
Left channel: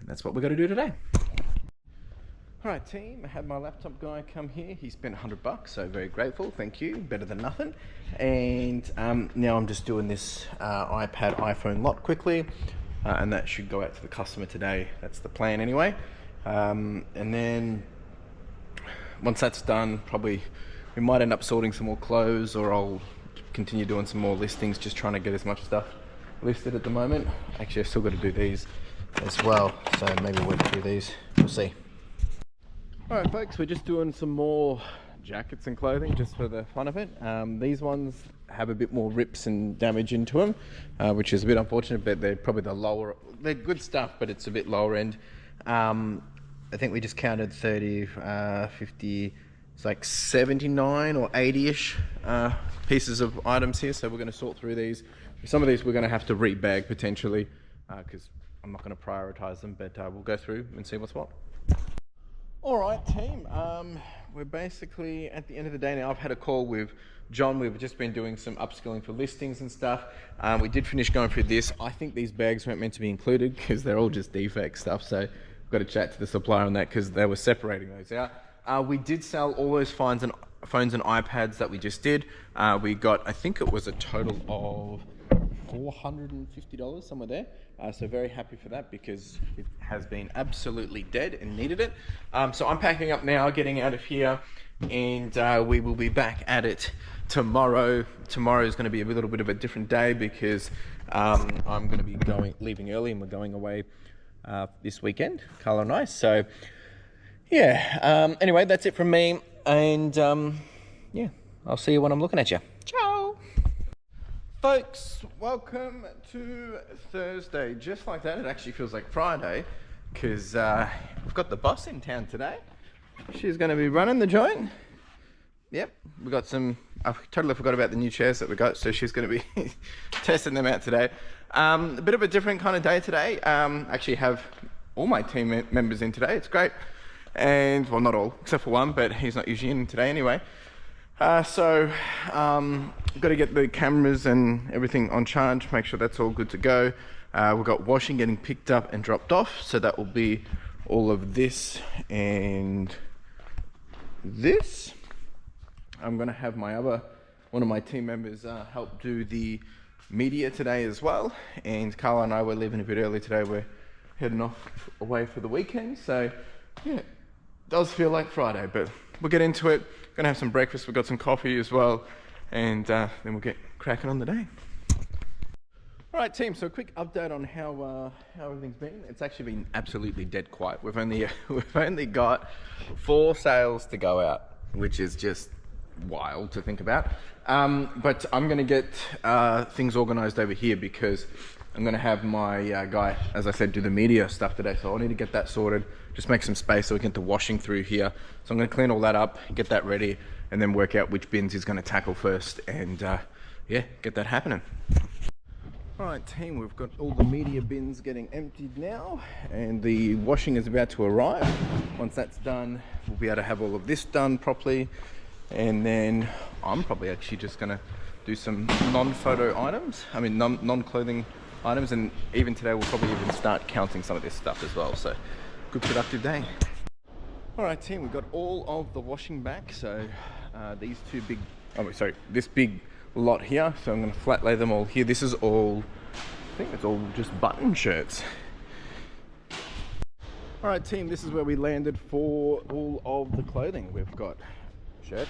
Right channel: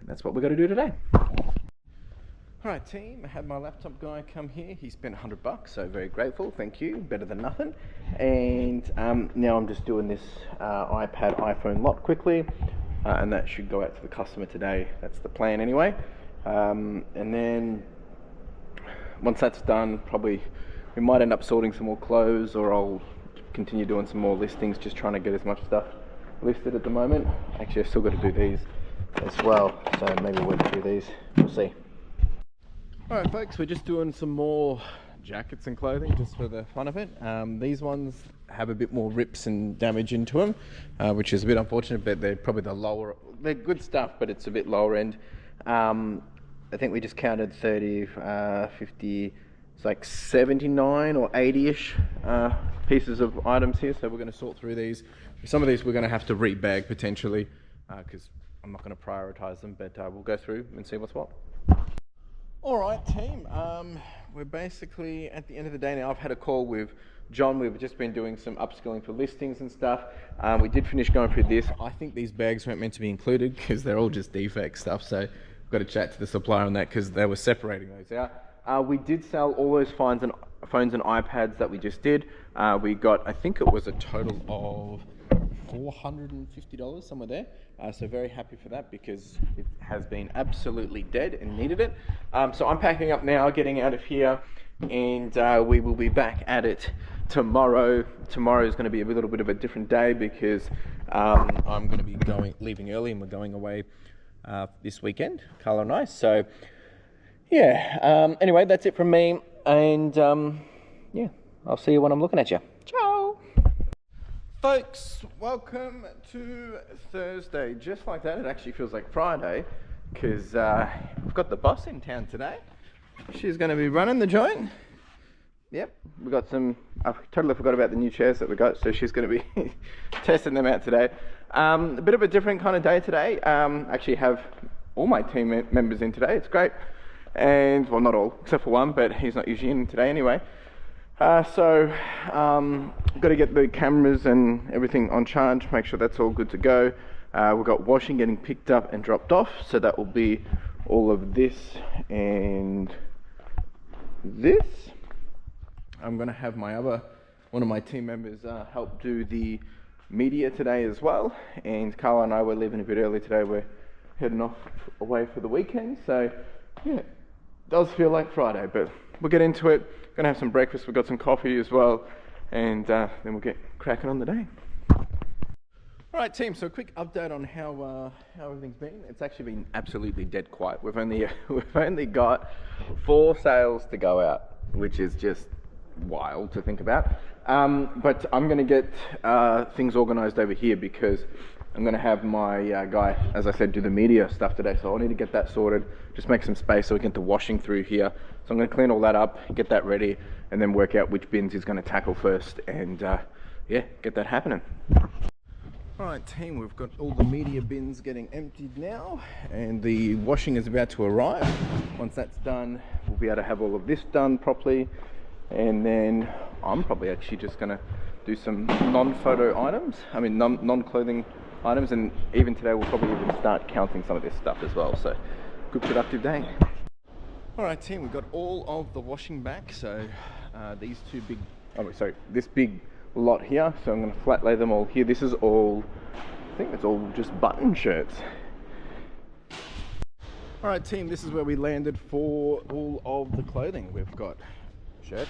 And that's what we're going to do today. All right, team, I had my laptop guy come here. He spent $100, so very grateful. Thank you. Better than nothing. And now I'm just doing this iPad, iPhone lock quickly, and that should go out to the customer today. That's the plan anyway. And then once that's done, probably we might end up sorting some more clothes, or I'll continue doing some more listings, just trying to get as much stuff listed at the moment. Actually, I've still got to do these as well, so maybe we'll do these. We'll see. All right, folks, we're just doing some more jackets and clothing just for the fun of it. These ones have a bit more rips and damage into them, which is a bit unfortunate, but they're probably the lower, they're good stuff, but it's a bit lower end. I think we just counted 30, 50, it's like 79 or 80-ish pieces of items here, so we're going to sort through these. Some of these we're going to have to rebag potentially, because I'm not going to prioritize them, but we'll go through and see what's what. All right, team, we're basically at the end of the day now. I've had a call with John. We've just been doing some upskilling for listings and stuff. We did finish going through this. I think these bags weren't meant to be included because they're all just defect stuff, so I've got to chat to the supplier on that because they were separating those out. We did sell all those phones and iPads that we just did. We got, I think it was a total of $450, somewhere there. So very happy for that because it has been absolutely dead and needed it. So I'm packing up now, getting out of here, and we will be back at it tomorrow. Tomorrow is going to be a little bit of a different day because I'm going to be leaving early, and we're going away this weekend, Carla and I. So yeah, anyway, that's it from me, and yeah, I'll see you when I'm looking at you. Ciao! Folks, welcome to Thursday. Just like that, it actually feels like Friday, because we've got the boss in town today. She's going to be running the joint. Yep, we got some, I totally forgot about the new chairs that we got, so she's going to be testing them out today. A bit of a different kind of day today. Actually have all my team members in today. It's great. And, well, not all, except for one, but he's not usually in today anyway. So, got to get the cameras and everything on charge, make sure that's all good to go. We've got washing getting picked up and dropped off, so that will be all of this and this. I'm going to have one of my team members help do the media today as well. And Carla and I were leaving a bit early today. We're heading off away for the weekend, so yeah. Does feel like Friday, but we'll get into it. Gonna have some breakfast. We've got some coffee as well, and then we'll get cracking on the day. All right, team. So a quick update on how everything's been. It's actually been absolutely dead quiet. We've only got 4 sales to go out, which is just wild to think about. But I'm going to get things organized over here because I'm going to have my guy, as I said, do the media stuff today. So I need to get that sorted, just make some space so we can get the washing through here. So I'm going to clean all that up, get that ready, and then work out which bins he's going to tackle first, and yeah, get that happening. All right, team, we've got all the media bins getting emptied now, and the washing is about to arrive. Once that's done, we'll be able to have all of this done properly, and then I'm probably actually just going to do some non-photo items, non-clothing items, and even today we'll probably even start counting some of this stuff as well. So good productive day. All right, team, we've got all of the washing back. So these two big, this big lot here. So I'm going to flat lay them all here. This is all, I think it's all just button shirts. All right, team, this is where we landed for all of the clothing. We've got shirts,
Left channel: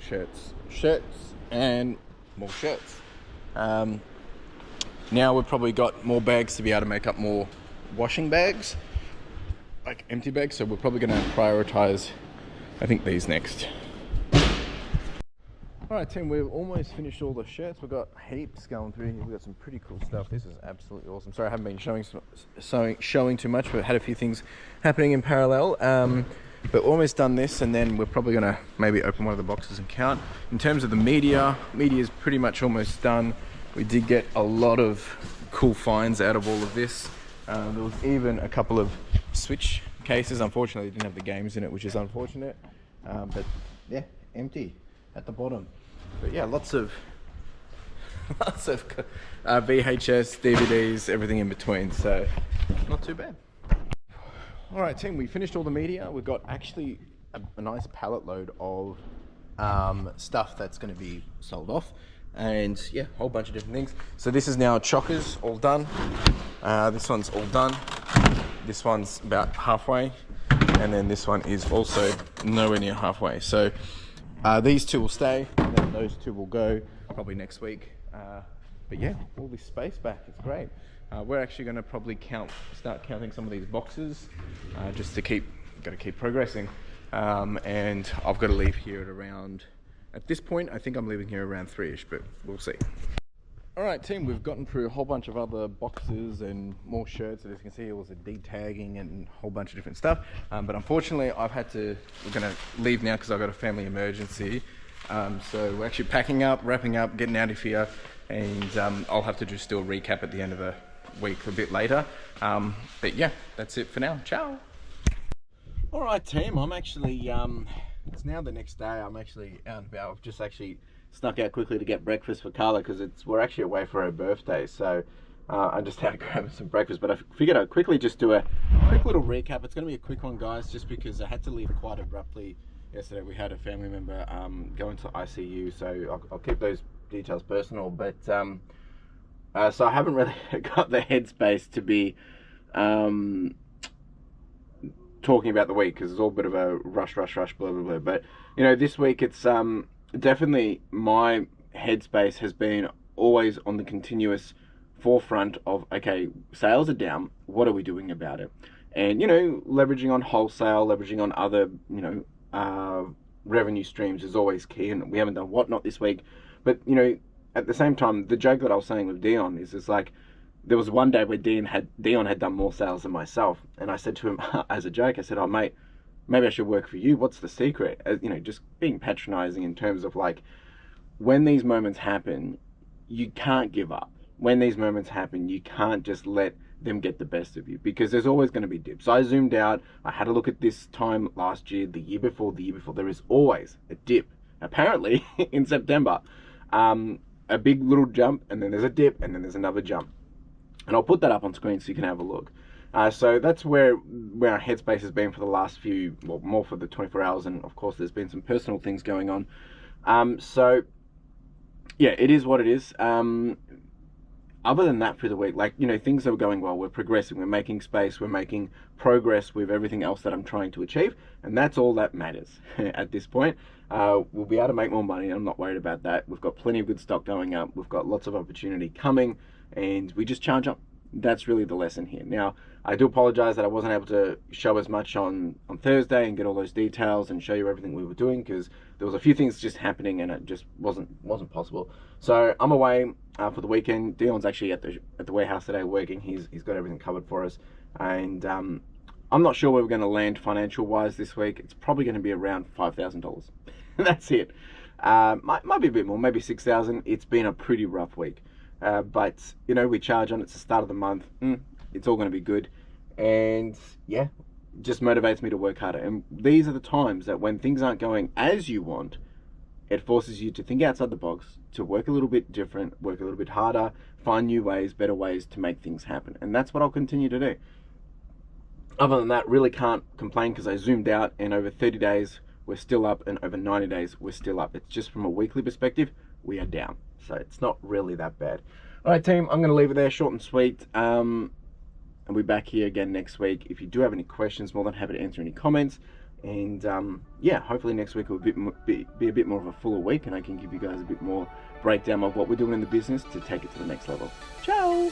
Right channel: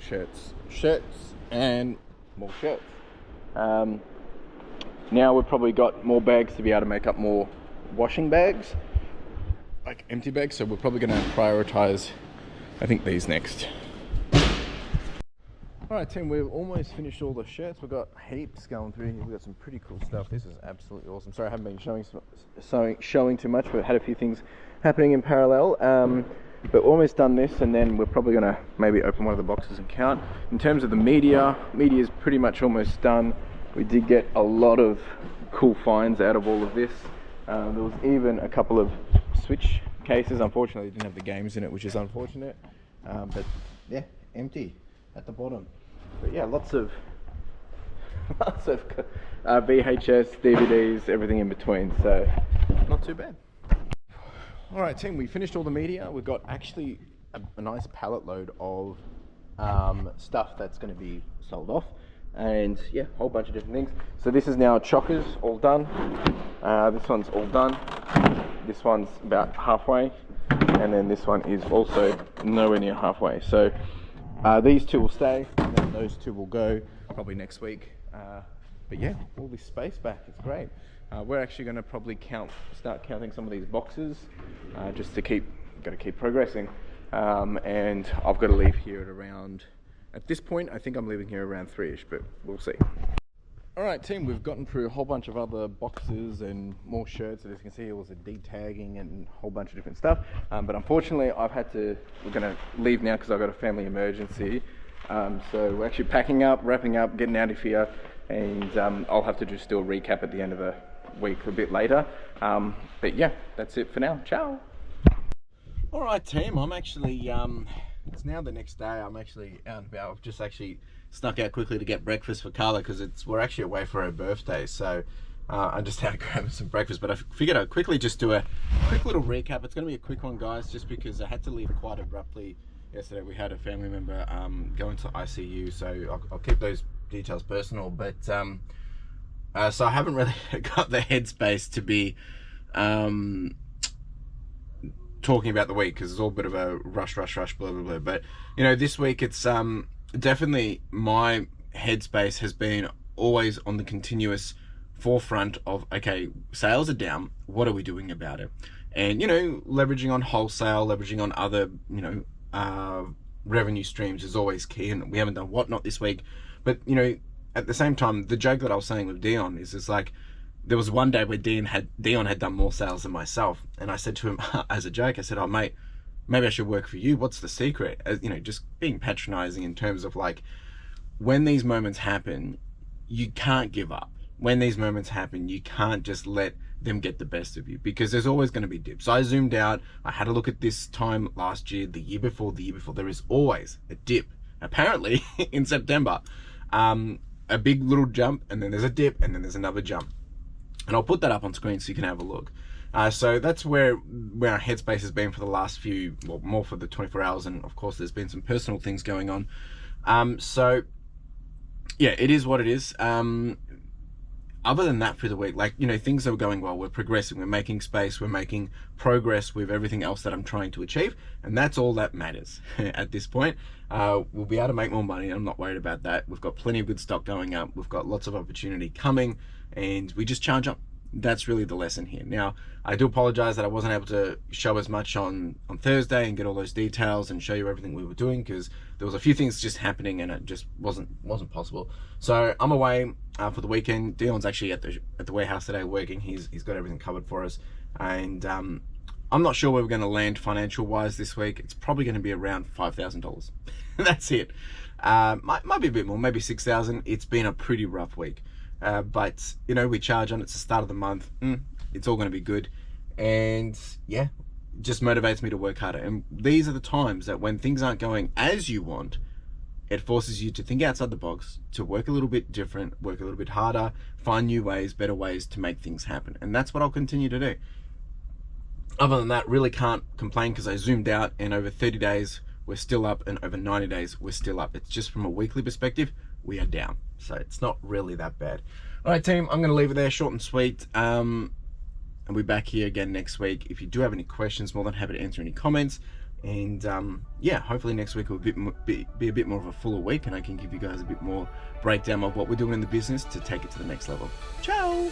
shirts, shirts, and more shirts. Now we've probably got more bags to be able to make up more washing bags, like empty bags. So we're probably going to prioritize, I think, these next. All right, team, we've almost finished all the shirts. We've got heaps going through here. We've got some pretty cool stuff. This is absolutely awesome. Sorry, I haven't been showing too much, but had a few things happening in parallel. But almost done this, and then we're probably going to maybe open one of the boxes and count. In terms of the media is pretty much almost done. We did get a lot of cool finds out of all of this. There was even a couple of Switch cases. Unfortunately, it didn't have the games in it, which is unfortunate. But yeah, empty at the bottom. But yeah, lots of VHS, DVDs, everything in between. So not too bad. All right, team, we finished all the media. We've got actually a nice pallet load of stuff that's going to be sold off. And yeah, a whole bunch of different things. So this is now chockers, all done. This one's all done. This one's about halfway. And then this one is also nowhere near halfway. So these two will stay, and then those two will go probably next week. But yeah, all this space back, it's great. We're actually going to probably start counting some of these boxes, just to keep progressing. And I've got to leave here at around, at this point, I think I'm leaving here around 3ish, but we'll see. All right, team, we've gotten through a whole bunch of other boxes and more shirts. As you can see, it was a de-tagging and a whole bunch of different stuff. But unfortunately, we're going to leave now because I've got a family emergency. So we're actually packing up, wrapping up, getting out of here. And I'll have to just do a recap at the end of the week a bit later. But yeah, that's it for now. Ciao. All right, team, I'm actually, it's now the next day. I'm actually out and about. I've just actually snuck out quickly to get breakfast for Carla because we're actually away for her birthday. So I just had to grab some breakfast, but I figured I'd quickly just do a quick little recap. It's going to be a quick one, guys, just because I had to leave quite abruptly yesterday. We had a family member go into ICU, so I'll keep those details personal. But so I haven't really got the headspace to be talking about the week because it's all a bit of a rush, blah, blah, blah. But, you know, this week it's definitely my headspace has been always on the continuous forefront of, okay, sales are down. What are we doing about it? And, you know, leveraging on wholesale, leveraging on other, you know, revenue streams is always key. And we haven't done Whatnot this week. But, you know, at the same time, the joke that I was saying with Dion is it's like, there was one day where Dion had done more sales than myself. And I said to him as a joke, I said, oh, mate, maybe I should work for you. What's the secret? As, you know, just being patronizing in terms of like, when these moments happen, you can't give up. When these moments happen, you can't just let them get the best of you because there's always going to be dips. So I zoomed out. I had a look at this time last year, the year before. There is always a dip, apparently, in September. A big little jump, and then there's a dip, and then there's another jump. And I'll put that up on screen so you can have a look. So that's where our headspace has been for the last few, well, more for the 24 hours. And of course, there's been some personal things going on. So yeah, it is what it is. other than that for the week, like, things are going well. We're progressing, we're making space, we're making progress with everything else that I'm trying to achieve. And that's all that matters at this point. We'll be able to make more money. I'm not worried about that. We've got plenty of good stock going up. We've got lots of opportunity coming, and we just charge up. That's really the lesson here. Now, I do apologize that I wasn't able to show as much on Thursday and get all those details and show you everything we were doing, because there was a few things just happening and it just wasn't possible. So I'm away for the weekend. Dion's actually at the warehouse today working. He's got everything covered for us, and I'm not sure where we're going to land financial wise this week. It's probably going to be around $5,000. That's it. Might be a bit more, maybe 6,000. It's been a pretty rough week. But we charge on, it's the start of the month. It's all going to be good, and yeah, it just motivates me to work harder. And these are the times that when things aren't going as you want, it forces you to think outside the box, to work a little bit different, work a little bit harder, find new ways, better ways to make things happen. And that's what I'll continue to do. Other than that, really can't complain, because I zoomed out, and over 30 days we're still up, and over 90 days we're still up. It's just from a weekly perspective, we are down. So it's not really that bad. All right, team, I'm going to leave it there, short and sweet. I'll be back here again next week. If you do have any questions, more than happy to answer any comments. And yeah, hopefully next week will be a bit more of a fuller week, and I can give you guys a bit more breakdown of what we're doing in the business to take it to the next level. Ciao.